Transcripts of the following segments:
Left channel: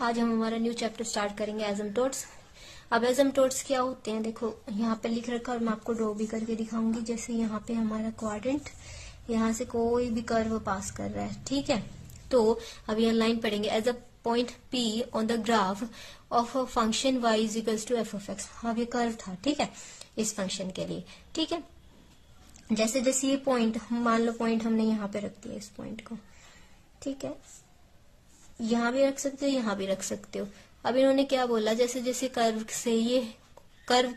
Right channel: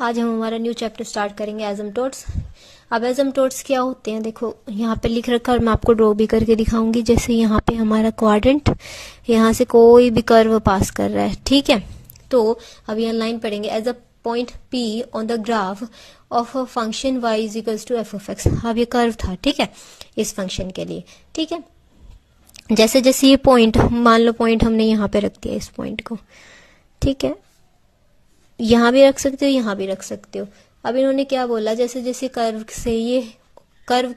आज हम हमारा न्यू चैप्टर स्टार्ट करेंगे एसिम्पटोट्स। अब एसिम्पटोट्स क्या होते हैं, देखो यहाँ पे लिख रखा है और मैं आपको ड्रॉ भी करके दिखाऊंगी। जैसे यहाँ पे हमारा क्वाड्रेंट, यहाँ से कोई भी कर्व पास कर रहा है, ठीक है। तो अब यहाँ लाइन पढ़ेंगे, as a point P on the graph of a function y is equals to f(x). अब ये कर्व था, ठीक है, इस फंक्शन के लिए, ठीक है। जैसे जैसे ये पॉइंट, मान लो पॉइंट हमने यहाँ पे रख दिया इस पॉइंट को, ठीक है, यहाँ भी रख सकते हो, यहाँ भी रख सकते हो। अब इन्होंने क्या बोला, जैसे जैसे कर्व से ये कर्व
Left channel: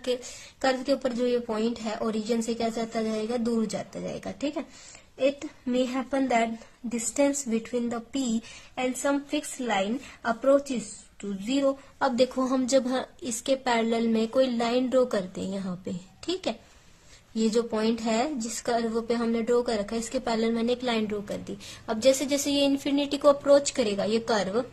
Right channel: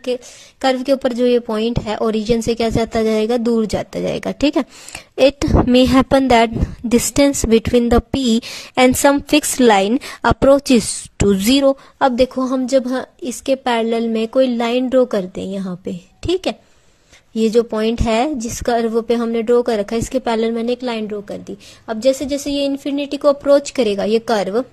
के ऊपर जो ये पॉइंट है ओरिजिन से क्या जाता जाएगा, दूर जाता जाएगा, ठीक है। It may happen that distance between the P and some fix line approaches to 0। अब देखो हम जब इसके पैरेलल में कोई लाइन ड्रॉ करते हैं यहाँ पे, ठीक है, ये जो पॉइंट है जिस कर्व पे हमने ड्रॉ कर रखा है, इसके पैरेलल मैंने एक लाइन ड्रॉ कर दी। अब जैसे जैसे ये इन्फिनिटी को अप्रोच करेगा ये कर्व,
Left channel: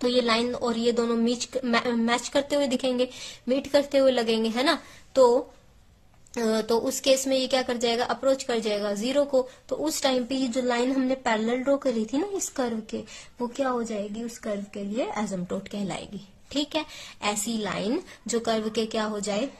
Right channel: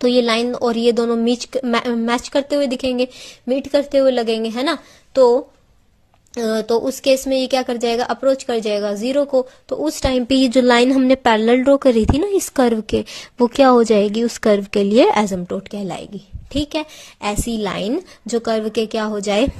तो ये लाइन और ये दोनों मैच करते हुए दिखेंगे, मीट करते हुए लगेंगे, है ना। तो उस केस में ये क्या कर जाएगा, अप्रोच कर जाएगा 0 को। तो उस टाइम पे ये जो लाइन हमने पैरेलल ड्रॉ करी थी ना इस कर्व के, वो क्या हो जाएगी, उस कर्व के लिए एसिम्पटोट कहलाएगी, ठीक है। ऐसी लाइन जो कर्व के क्या हो जाए,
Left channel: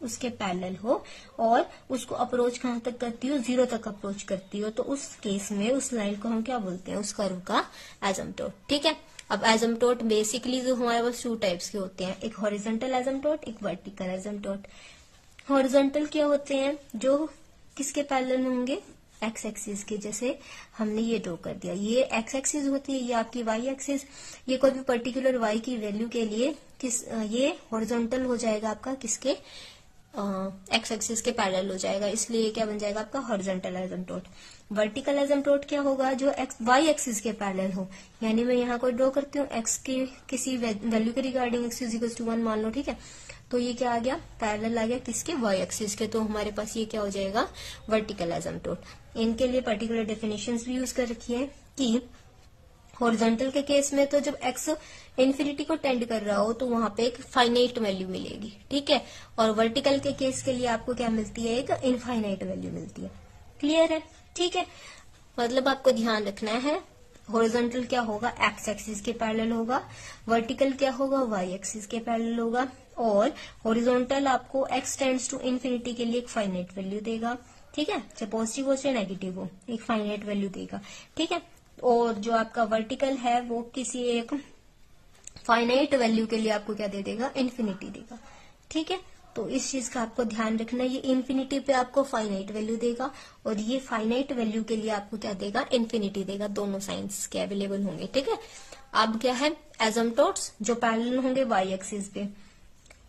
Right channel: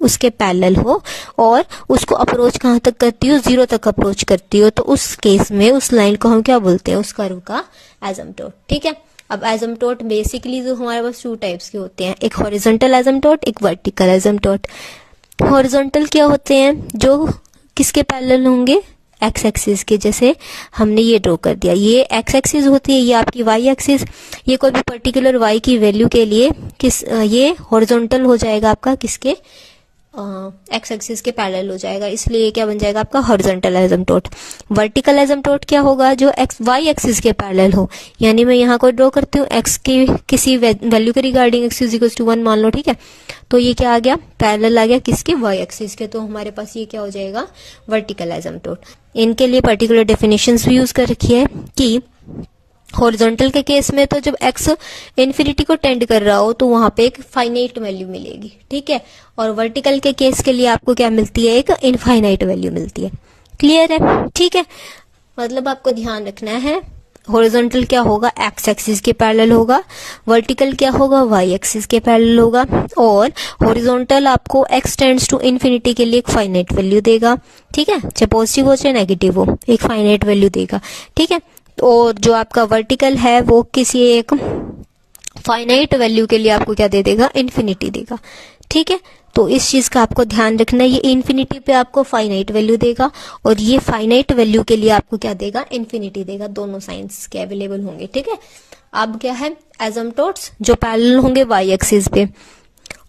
उसके पैरेलल हो और उसको अप्रोच कहाँ तक करती हो, 0 तक अप्रोच करती हो, तो उस केस में उस लाइन को हम क्या बोलते हैं, उस कर्व का एसिम्पटोट, ठीक है। अब एसिम्पटोट बेसिकली जो हमारे पास 2 टाइप्स के होते हैं, एक हॉरिजॉन्टल एसिम्पटोट, एक वर्टिकल एसिम्पटोट। हॉरिजॉन्टल क्या होते हैं, जो किसके पैरेलल होंगे, एक्स एक्सिस के। जैसे हमने ये ड्रॉ कर दिया, ये एक्स एक्सिस होती है, ये आपकी वाई एक्सिस। ये कोई भी पर्टिकुलर वाई की वैल्यू के लिए ये हॉरिजॉन्टल हो जाएगा आपका किसके, एक्स एक्सिस के पैरेलल हो जाएगा, इसलिए क्या बन जाएगा आपका हॉरिजॉन्टल एसिम्पटोट। वर्टिकल एसिम्पटोट क्या होगा, जो एक्स वाई एक्सिस के पैरेलल हो। यानी मैं यहाँ को ड्रॉ करती हूँ एक्स की किसी वैल्यू के regarding, x is equal to 1 मान लो, ठीक है। तो ये क्या आ गया, पैरेलल आ गया किसके, वाई एक्सिस के। तो हमारे पास ये क्या हो जाएगा, वर्टिकल एसिम्पटोट। इनके लिए पर्टिकुलर डेफिनेशंस भी यूज कर रखी है कि हॉरिजॉन्टल के केस में तो जब x इन्फिनिटी को टेंड कर रहा हो तो वहां पे एक फाइनाइट वैल्यू मिलेगी, ठीक है। और वर्टिकल के केस के लिए आपको क्या मिलती है, एक इनफाइनाइट वैल्यू मिलती है। क्लियर है, ठीक है। मतलब आपको ध्यान रखना है, हॉरिजॉन्टल क्या होगा, एक्स एक्सिस के पैरेलल होगा, वर्टिकल क्या होगा, वाई एक्सिस के पैरेलल होगा। और हॉरिजॉन्टल आपको x टेंड्स टू इन्फिनिटी के लिए एक फाइनाइट वैल्यू देगा, ठीक है, चाहे पॉजिटिव हो चाहे नेगेटिव हो, एक फाइनाइट वैल्यू देगा, ठीक है। और जो आपका वर्टिकल है वो किसी एक फाइनाइट वैल्यू के लिए आपको क्या दे देगा, इन्फिनिटी देगा, ठीक है। तो इस चीज का आपको ध्यान रखना है, ये इन्फिनिटी पे आपको फाइनाइट वैल्यू देगा और ये फाइनाइट वैल्यू के लिए आपको क्या देगा, इन्फिनिटी देगा। दोनों साइंस के अवेलेबल होंगे, ठीक है। अब क्या है, एसिम्पटोट्स जो पैरेलल होंगे वाई एक्सिस पे,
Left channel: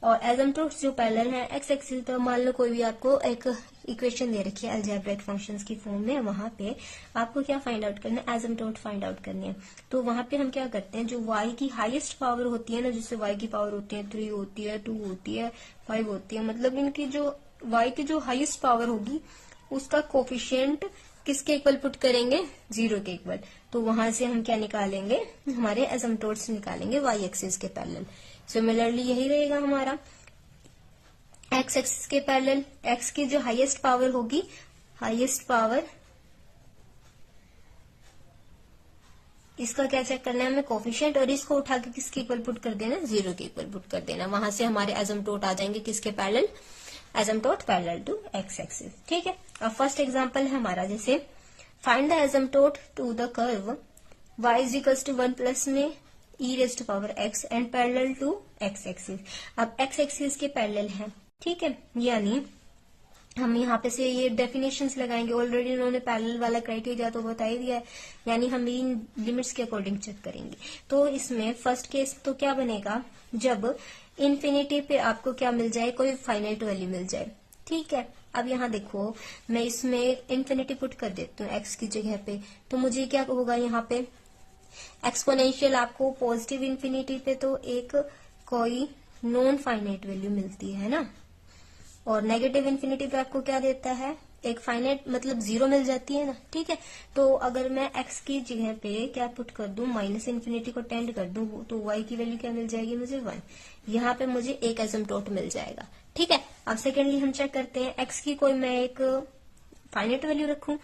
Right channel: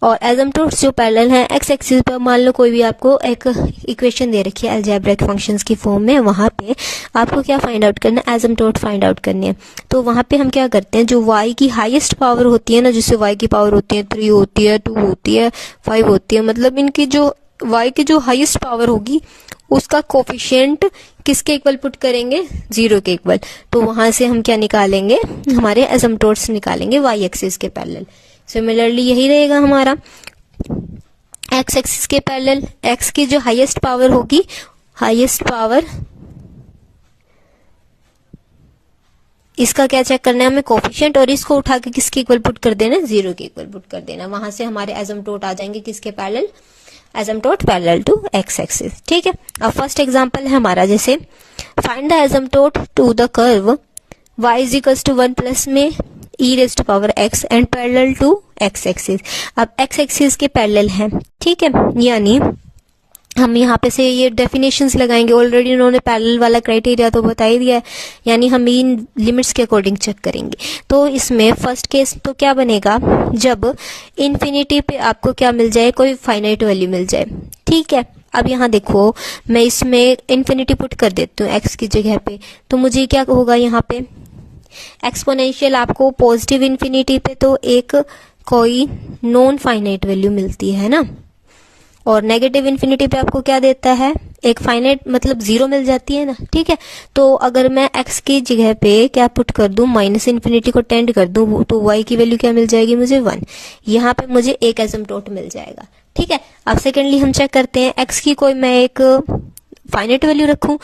और एसिम्पटोट्स जो पैरेलल हैं एक्स एक्सिस पे। मान लो कोई भी आपको एक इक्वेशन दे रखी है अलजेब्रिक फंक्शंस की फॉर्म में, वहां पे आपको क्या फाइंड आउट करना है, एसिम्पटोट फाइंड आउट करनी है। तो वहां पे हम क्या करते हैं, जो y की हाईएस्ट पावर होती है ना, जिससे y की पावर होती है 3 होती है, 2 होती है, 5 होती है, मतलब इनकी जो y की जो हाईएस्ट पावर होगी उसका कोफिशिएंट किसके इक्वल पुट करेंगे, 0 के इक्वल। तो वहां से हम क्या निकालेंगे, हमारे एसिम्पटोट्स निकालेंगे वाई एक्सिस के पैरेलल। सिमिलरली यही रहेगा हमारा एक्स एक्सिस के पैरेलल, एक्स की जो हाईएस्ट पावर होगी, हाईएस्ट पावर, इसका क्या चेक करना है हमें, कोफिशिएंट, और इसको उठा के किसके इक्वल पुट कर देना, 0 के इक्वल पुट कर देना। वहां से हमारे एसिम्पटोट आ जाएंगे किसके parallel, asymptote parallel to X axis, ठीक है। अब फर्स्ट एग्जांपल है हमारा, जैसे find the asymptote to the curve y is equal to 1 plus में e raised power x and parallel to x axis. अब x एक्सिस के पैरेलल है, ठीक है, यानी हम यहाँ पे से ये डेफिनेशंस लगाएंगे। ऑलरेडी उन्होंने पैरेलल वाला क्राइटेरिया तो बता ही दिया है, यानी हम इन लिमिट्स के अकॉर्डिंग चेक करेंगे। तो इसमें फर्स्ट केस तो क्या बनेगा, जब इन्फिनिटी पे आपको क्या मिल जाए, कोई फाइनाइट वैल्यू मिल जाए, ठीक है। अब यहाँ देखो मैं इसमें इन्फिनिटी पुट कर देती हूँ x की जगह पे, तो मुझे क्या होगा, यहाँ पे एक्सपोनेंशियल आपको पॉजिटिव इन्फिनिटी पे तो एक कोई नॉन फाइनाइट वैल्यू मिलती है ना, और नेगेटिव इन्फिनिटी पे आपको क्या देता है, एक फाइनाइट, मतलब 0 मिल जाती है ना, ठीक है। तो अगर मैं x की जगह पे क्या पुट कर दूं, माइनस इन्फिनिटी को टेंड कर दूं, तो y की वैल्यू क्या मिल जाएगी मुझे, 1। यहाँ पे मुझे एक एसिम्पटोट मिल जाएगा, ठीक है। अब सेकेंडली हम चेक करते हैं, x की कोई मैं एक फाइनाइट वैल्यू रखूं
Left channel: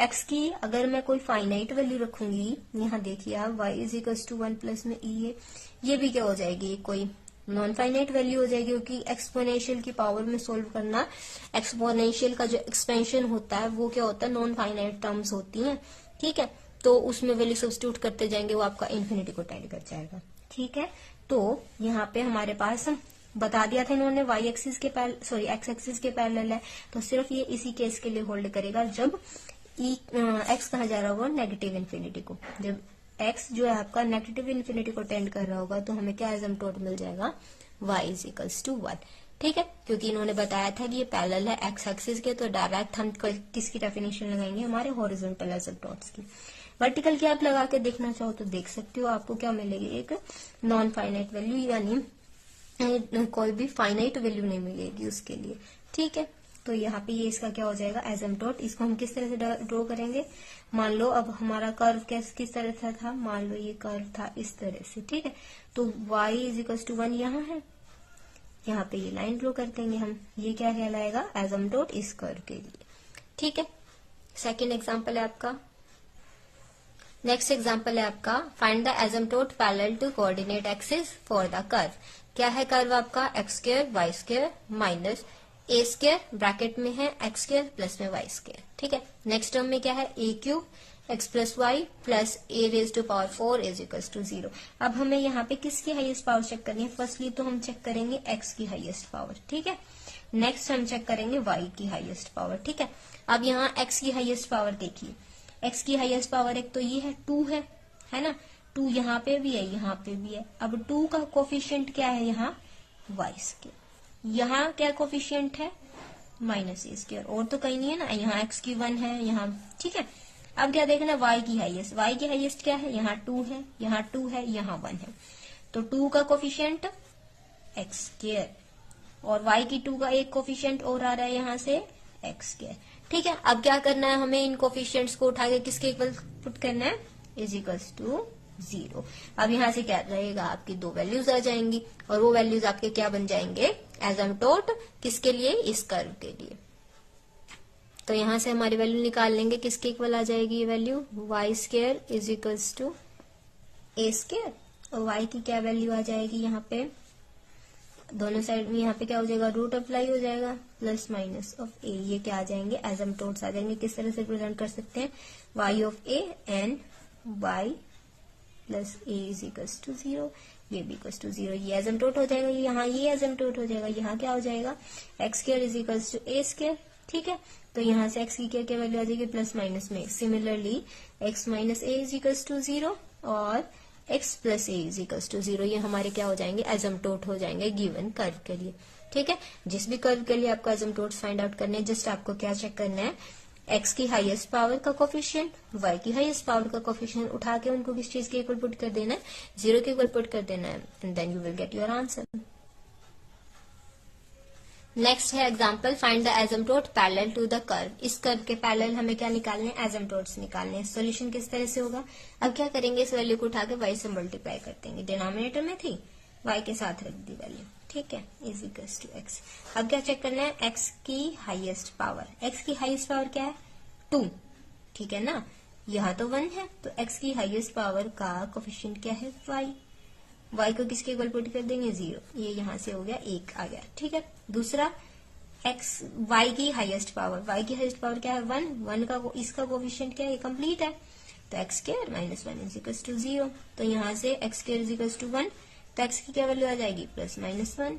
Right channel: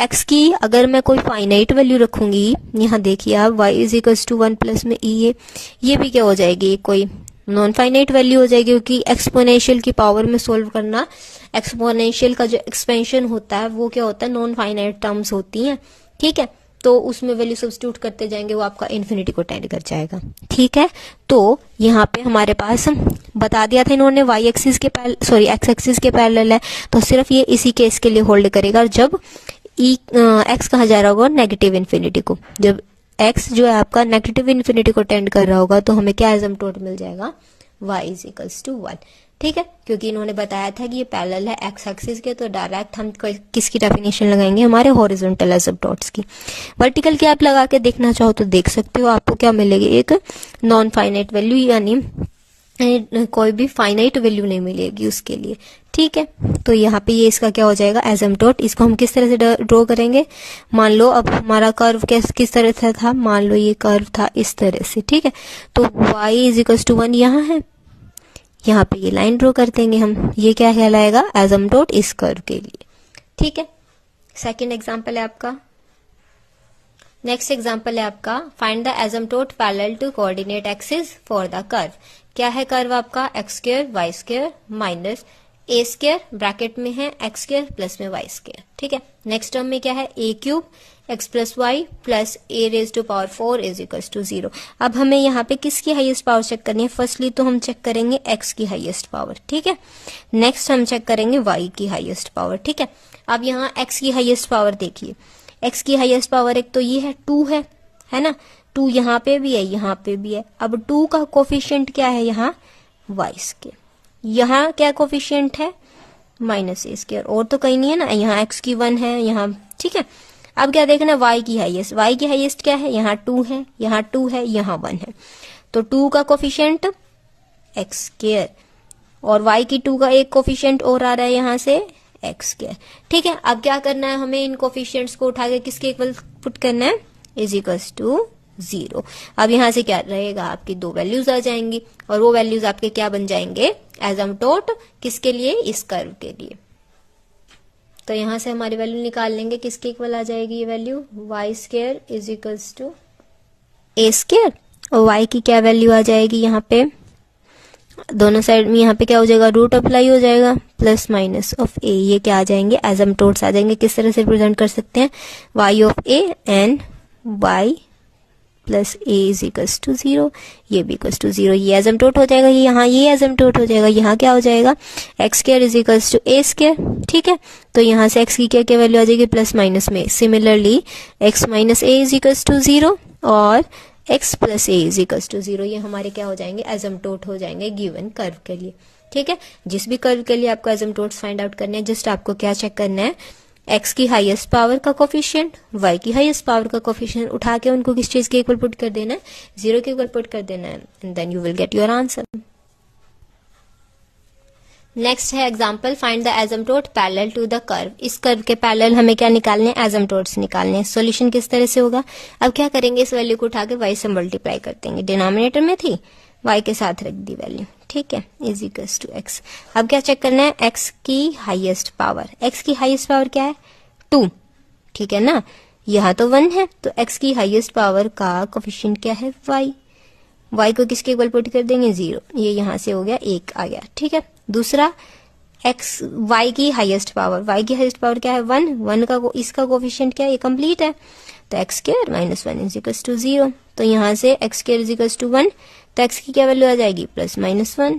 x की, अगर मैं कोई फाइनाइट वैल्यू रखूंगी, यहाँ देखिए आप y is equals to 1 plus में ये भी क्या हो जाएगी, कोई नॉन फाइनाइट वैल्यू हो जाएगी, क्योंकि एक्सपोनेंशियल की पावर में सोल्व करना, एक्सपोनेंशियल का जो एक्सपेंशन होता है वो क्या होता है, नॉन फाइनाइट टर्म्स होती हैं, ठीक है। तो उसमें वैल्यू सब्स्टिट्यूट करते जाएंगे, वो आपका इन्फिनिटी को टेंड कर जाएगा, ठीक है। तो यहाँ पे हमारे पास बता दिया था इन्होंने y एक्सिस के x एक्सिस के पैरेलल है, तो सिर्फ ये इसी केस के लिए होल्ड करेगा जब x कहा जा रहा होगा नेगेटिव इन्फिनिटी को। जब x जो है आपका नेगेटिव इन्फिनिटी को टेंड कर रहा होगा तो हमें क्या एसिम्पटोट मिल जाएगा, y इज इक्वल्स टू 1, ठीक है। क्योंकि इन्होंने बताया था कि ये पैरेलल है x एक्सिस के, तो डायरेक्ट हम किसकी डेफिनेशन लगाएंगे, हमारे हॉरिजॉन्टल एसिम्पटोट्स की। वर्टिकल की आप लगा के देखना चाहो तो देख सकते हो, आपको क्या मिलेगी, एक नॉन फाइनाइट वैल्यू, यानी कोई भी फाइनाइट वैल्यू नहीं मिलेगी उसके लिए, ठीक है। तो यहाँ पे ये इसका क्या हो जाएगा, एसिम्पटोट। इसको हम किस तरह से ड्रॉ करेंगे, मान लो अब हमारा कर्व किस तरह से था, मान लो ये कर्व था इस तरह से, ठीक है। तो y इज इक्वल्स टू 1 यहाँ है, यहाँ पे ये लाइन ड्रॉ कर देंगे हम, ये क्या कहलाएगा, एसिम्पटोट इस कर्व के लिए, ठीक है। सेकेंड एग्जाम्पल है आपका, नेक्स्ट एग्जाम्पल है आपका, find the asymptote parallel to coordinate axis for the curve. क्या है कर्व आपका, X square Y square minus A square, bracket में है एक्स स्क्वायर प्लस में वाई स्क्वायर, ठीक है। नेक्स्ट टर्म में क्या है, A cube X plus Y plus A raise to power 4 is equals to 0। अब हमें यहाँ पे किसकी हाईएस्ट पावर चेक करनी है, फर्स्टली तो हम चेक करेंगे एक्स की हाईएस्ट पावर, ठीक है। नेक्स्ट हम चेक करेंगे वाई की हाईएस्ट पावर, ठीक है। अब यहाँ एक्स की हाईएस्ट पावर देखिए, एक्स की हाईएस्ट पावर एक तो ये है 2 है ना, 2 यहाँ पे भी है, यहाँ पे भी है। अब 2 का कोफिशिएंट क्या है यहाँ, वाई स्क्वायर, यहाँ क्या कोफिशिएंट है, माइनस ए स्क्वायर, और तो कहीं नहीं है ना, यहाँ एक्स की 1 है यहाँ, ठीक है। अब क्या देखना, y की हाईएस्ट, y की हाईएस्ट क्या है, यहाँ 2 है, यहाँ 2 है, यहाँ 1 है, तो 2 का कोफिशिएंट एक्स स्क्वायर, और y की 2 का एक कोफिशिएंट और आ रहा है यहाँ से एक्स स्क्वायर, ठीक है। अब क्या करना है, हमें इन कोफिशिएंट्स को उठा के किसके इक्वल पुट करना है, इज इक्वल्स टू 0। अब यहाँ से क्या रहेगा, आपकी 2 वैल्यूज आ जाएंगी, और वो वैल्यूज आपके क्या बन जाएंगे, एसिम्पटोट किसके लिए, इस कर्व के लिए। तो यहाँ से हमारी वैल्यू निकाल लेंगे, किसके इक्वल आ जाएगी ये value, y square is equals to a square, और वाई की क्या वैल्यू आ जाएगी, यहाँ पे दोनों साइड में यहाँ पे क्या हो जाएगा, रूट अप्लाई हो जाएगा, प्लस माइनस ऑफ ए, ये क्या आ जाएंगे, एसिम्पटोट्स आ जाएंगे। किस तरह से रिप्रेजेंट कर सकते हैं, y of a and y plus a is equals to 0, ये भी इक्वल्स टू 0, ये एसिम्पटोट हो जाएगा, ये यहाँ ये एसिम्पटोट हो जाएगा, यहाँ क्या हो जाएगा, x square is equals to a square, ठीक है। तो यहाँ से एक्स की क्या क्या वैल्यू आ जाएगी, प्लस माइनस में, similarly x minus a is equals to 0 और x plus a is equals to 0, ये हमारे क्या हो जाएंगे, एसिम्पटोट हो जाएंगे गिवन कर्व के लिए, ठीक है। जिस भी कर्व के लिए आपको एसिम्पटोट्स फाइंड आउट करने हैं, जस्ट आपको क्या चेक करना है, एक्स की हाईएस्ट पावर का कोफिशिएंट, वाई की हाईएस्ट पावर का कोफिशिएंट, उठा के उनको किस चीज के इक्वल पुट कर देना है, 0 के इक्वल पुट कर देना है, and then you will get your answer. Next है example, find the asymptote parallel to the curve. इस कर्व के पैरेलल हमें क्या निकालने हैं, एसिम्पटोट्स निकालने हैं। सॉल्यूशन किस तरह से होगा, अब क्या करेंगे, इस वैल्यू को उठा के वाई से मल्टीप्लाई कर देंगे, डिनोमिनेटर में थी वाई के साथ रख दी वैल्यू, ठीक है, इज इक्वल्स टू एक्स। अब क्या चेक करना है, एक्स की हाईएस्ट पावर, एक्स की हाईएस्ट पावर क्या है, 2, ठीक है ना, यहाँ तो 1 है, तो एक्स की हाईएस्ट पावर का कोफिशिएंट क्या है, वाई, वाई को किसके इक्वल पुट कर देंगे, 0, ये यहाँ से हो गया 1 आ गया, ठीक है। दूसरा एक्स, वाई की हाईएस्ट पावर, वाई की हाईएस्ट पावर क्या है, 1 का इसका कोफिशिएंट क्या है, ये कंप्लीट है, तो x square minus 1 is equals to 0, तो यहाँ से x square is equals to 1, तो एक्स की क्या वैल्यू आ जाएगी, प्लस माइनस 1,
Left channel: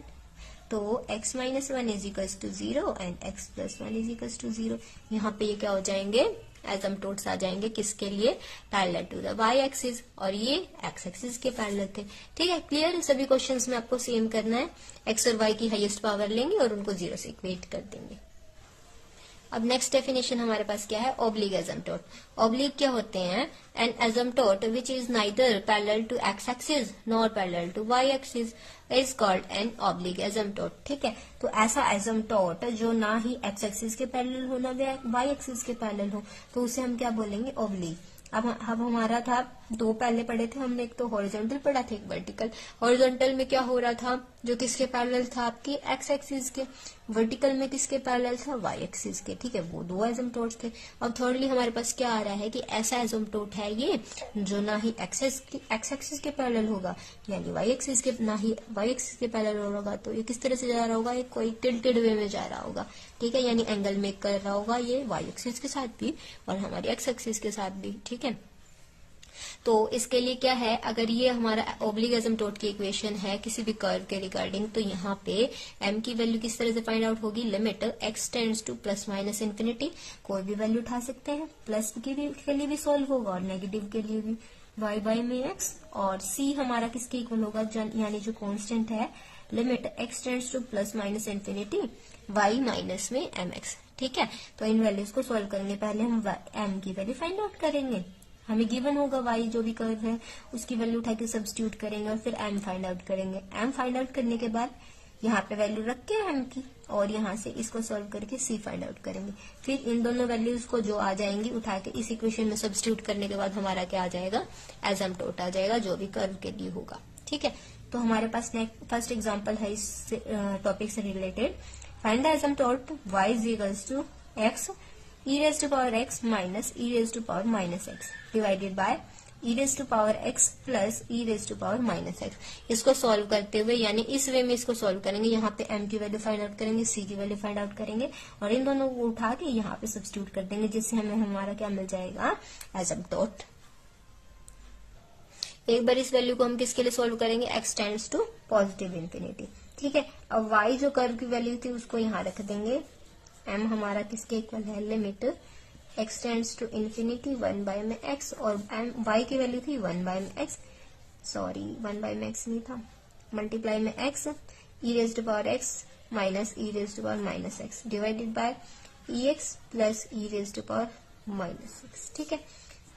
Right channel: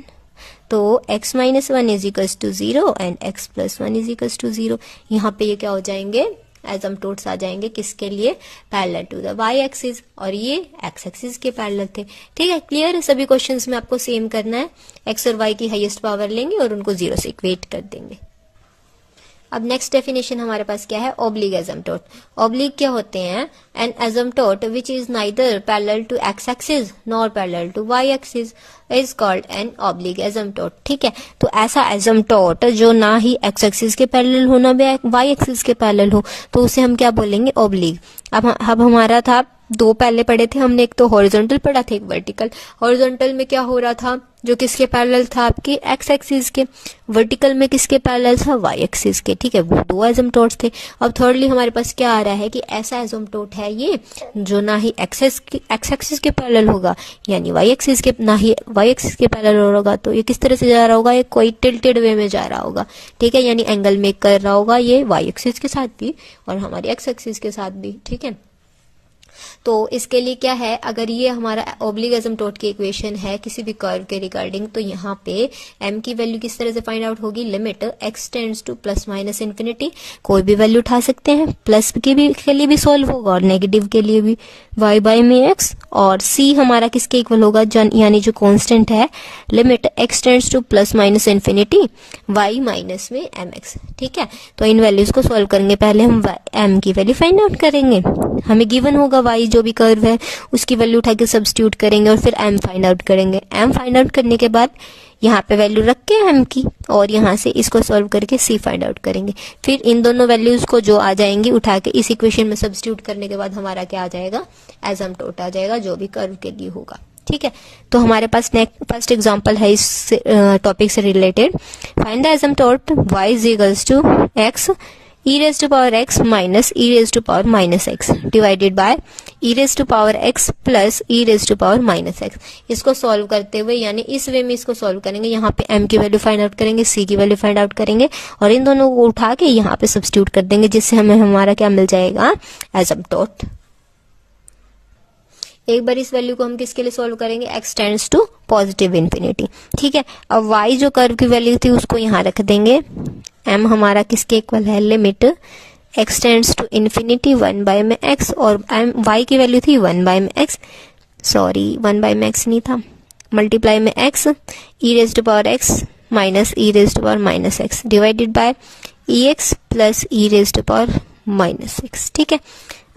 तो x minus 1 is equals to 0 and x plus 1 is equals to 0। यहाँ पे ये क्या हो जाएंगे, एसिम्पटोट्स आ जाएंगे किसके लिए, parallel to the y axis, और ये x एक्सिस के पैरेलल थे, ठीक है। क्लियर है, सभी क्वेश्चंस में आपको सेम करना है, x और y की हाईएस्ट पावर लेंगे और उनको 0 से इक्वेट कर देंगे। अब नेक्स्ट डेफिनेशन हमारे पास क्या है, ऑब्लिक एसिम्पटोट। ऑब्लिक क्या होते हैं, an asymptote which is neither parallel to X axis nor parallel to Y axis is called an oblique asymptote, ठीक है। तो ऐसा एसिम्पटोट जो ना ही एक्स एक्सिस के पैरेलल हो ना वाई एक्सिस के पैरेलल हो, तो उसे हम क्या बोलेंगे, ऑब्लिक। अब हमारा था दो पहले पढ़े थे हमने, एक तो हॉरिजॉन्टल पढ़ा था, एक वर्टिकल। हॉरिजॉन्टल में क्या हो रहा था, जो किसके पैरेलल था, आपके एक्स एक्सिस के। वर्टिकल में किसके पैरेलल था, वाई एक्सिस के। ठीक है, वो दो एसिम्पटोट्स थे। अब थर्डली हमारे पास क्या आ रहा है कि ऐसा एसिम्पटोट है ये जो ना ही एक्स एक्सिस के पैरेलल होगा, यानी वाई एक्सिस के, ना ही वाई एक्सिस के पैरेलल होगा। तो ये किस तरह से जा रहा होगा, ये कोई टिल्टेड वे में जा रहा होगा। ठीक है, यानी एंगल मेक कर रहा होगा ये वाई एक्सिस के साथ भी और हमारे एक्स एक्सिस के साथ भी। ठीक है, तो इसके लिए क्या है, अगर ये हमारा ओब्लिक एसिम्पटोट की इक्वेशन है किसी भी कर्व के रिगार्डिंग, तो यहाँ पे m की वैल्यू किस तरह से फाइंड आउट होगी, limit x tends two plus minus infinity. कोई भी वैल्यू उठा सकते हैं, प्लस के लिए भी सॉल्व होगा और नेगेटिव के लिए भी, y बाई में x। और c हमारा किसके इक्वल होगा, यानी जो कांस्टेंट है, limit x tends two plus minus infinity y minus में mx। ठीक है, तो इन वैल्यूज को सॉल्व करेंगे। पहले हम m की वैल्यू फाइंड आउट करेंगे। हमें गिवन होगा y जो भी कर्व है उसकी वैल्यू उठा के सब्स्टिट्यूट करेंगे और फिर m फाइंड आउट करेंगे। m फाइंड आउट करने के बाद यहाँ पे वैल्यू रख के m की, और यहाँ से इसको सॉल्व करके c फाइंड आउट करेंगे। फिर इन दोनों वैल्यूज को जो आ जाएंगी उठा के इस इक्वेशन में सब्स्टिट्यूट करने के बाद हमारा क्या आ जाएगा, एसिम्पटोट आ जाएगा जो भी कर्व के लिए होगा। ठीक है, तो हमारे पास फर्स्ट एग्जांपल है इस टॉपिक से related. Find the asymptote y is equals to x e raise to power x minus e raise to power minus x divided by e raise to power x plus e raise to power minus x। इसको solve करते हुए, यानी इस वे में इसको solve करेंगे। यहाँ पे m की वैल्यू फाइंड आउट करेंगे, c की वैल्यू फाइंड आउट करेंगे और इन दोनों को उठा के यहाँ पे सब्स्टिट्यूट कर देंगे, जिससे हमें हमारा क्या मिल जाएगा, एसिम्पटोट। एक बार इस वैल्यू को हम किसके लिए सॉल्व करेंगे, x tends to positive infinity. ठीक है, अब y जो कर्व की वैल्यू थी उसको यहाँ रख देंगे। m हमारा किसके इक्वल है, limit x tends to infinity 1 by में x, और y की वैल्यू थी 1 बाय में x, सॉरी 1 बाय में x नहीं था, मल्टीप्लाई में x e raise to power x minus e raise to power minus x divided by ex plus e raise to power minus x। ठीक है,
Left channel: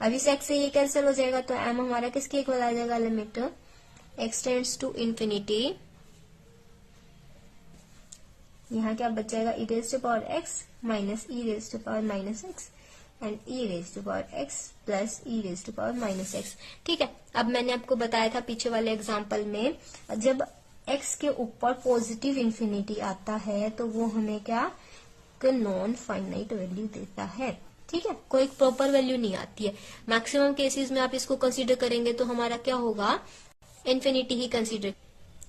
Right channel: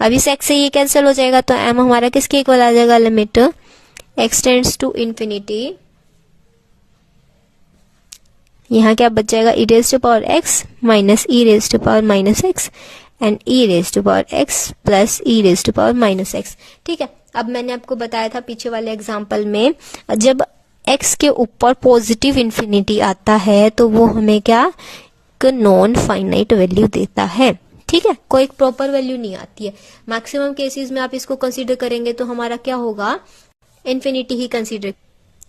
अब इस x से ये कैंसिल हो जाएगा, तो m हमारा किसके इक्वल आ जाएगा, limit x tends to infinity, यहाँ क्या बच जाएगा, e raise to power x minus e raise to power minus x and e raise to power x plus e raise to power minus x। ठीक है, अब मैंने आपको बताया था पीछे वाले एग्जांपल में, जब x के ऊपर पॉजिटिव इन्फिनिटी आता है तो वो हमें क्या, नॉन फाइनाइट वैल्यू देता है। ठीक है, कोई प्रॉपर वैल्यू नहीं आती है। मैक्सिमम केसेस में आप इसको कंसीडर करेंगे तो हमारा क्या होगा, इन्फिनिटी ही कंसीडर।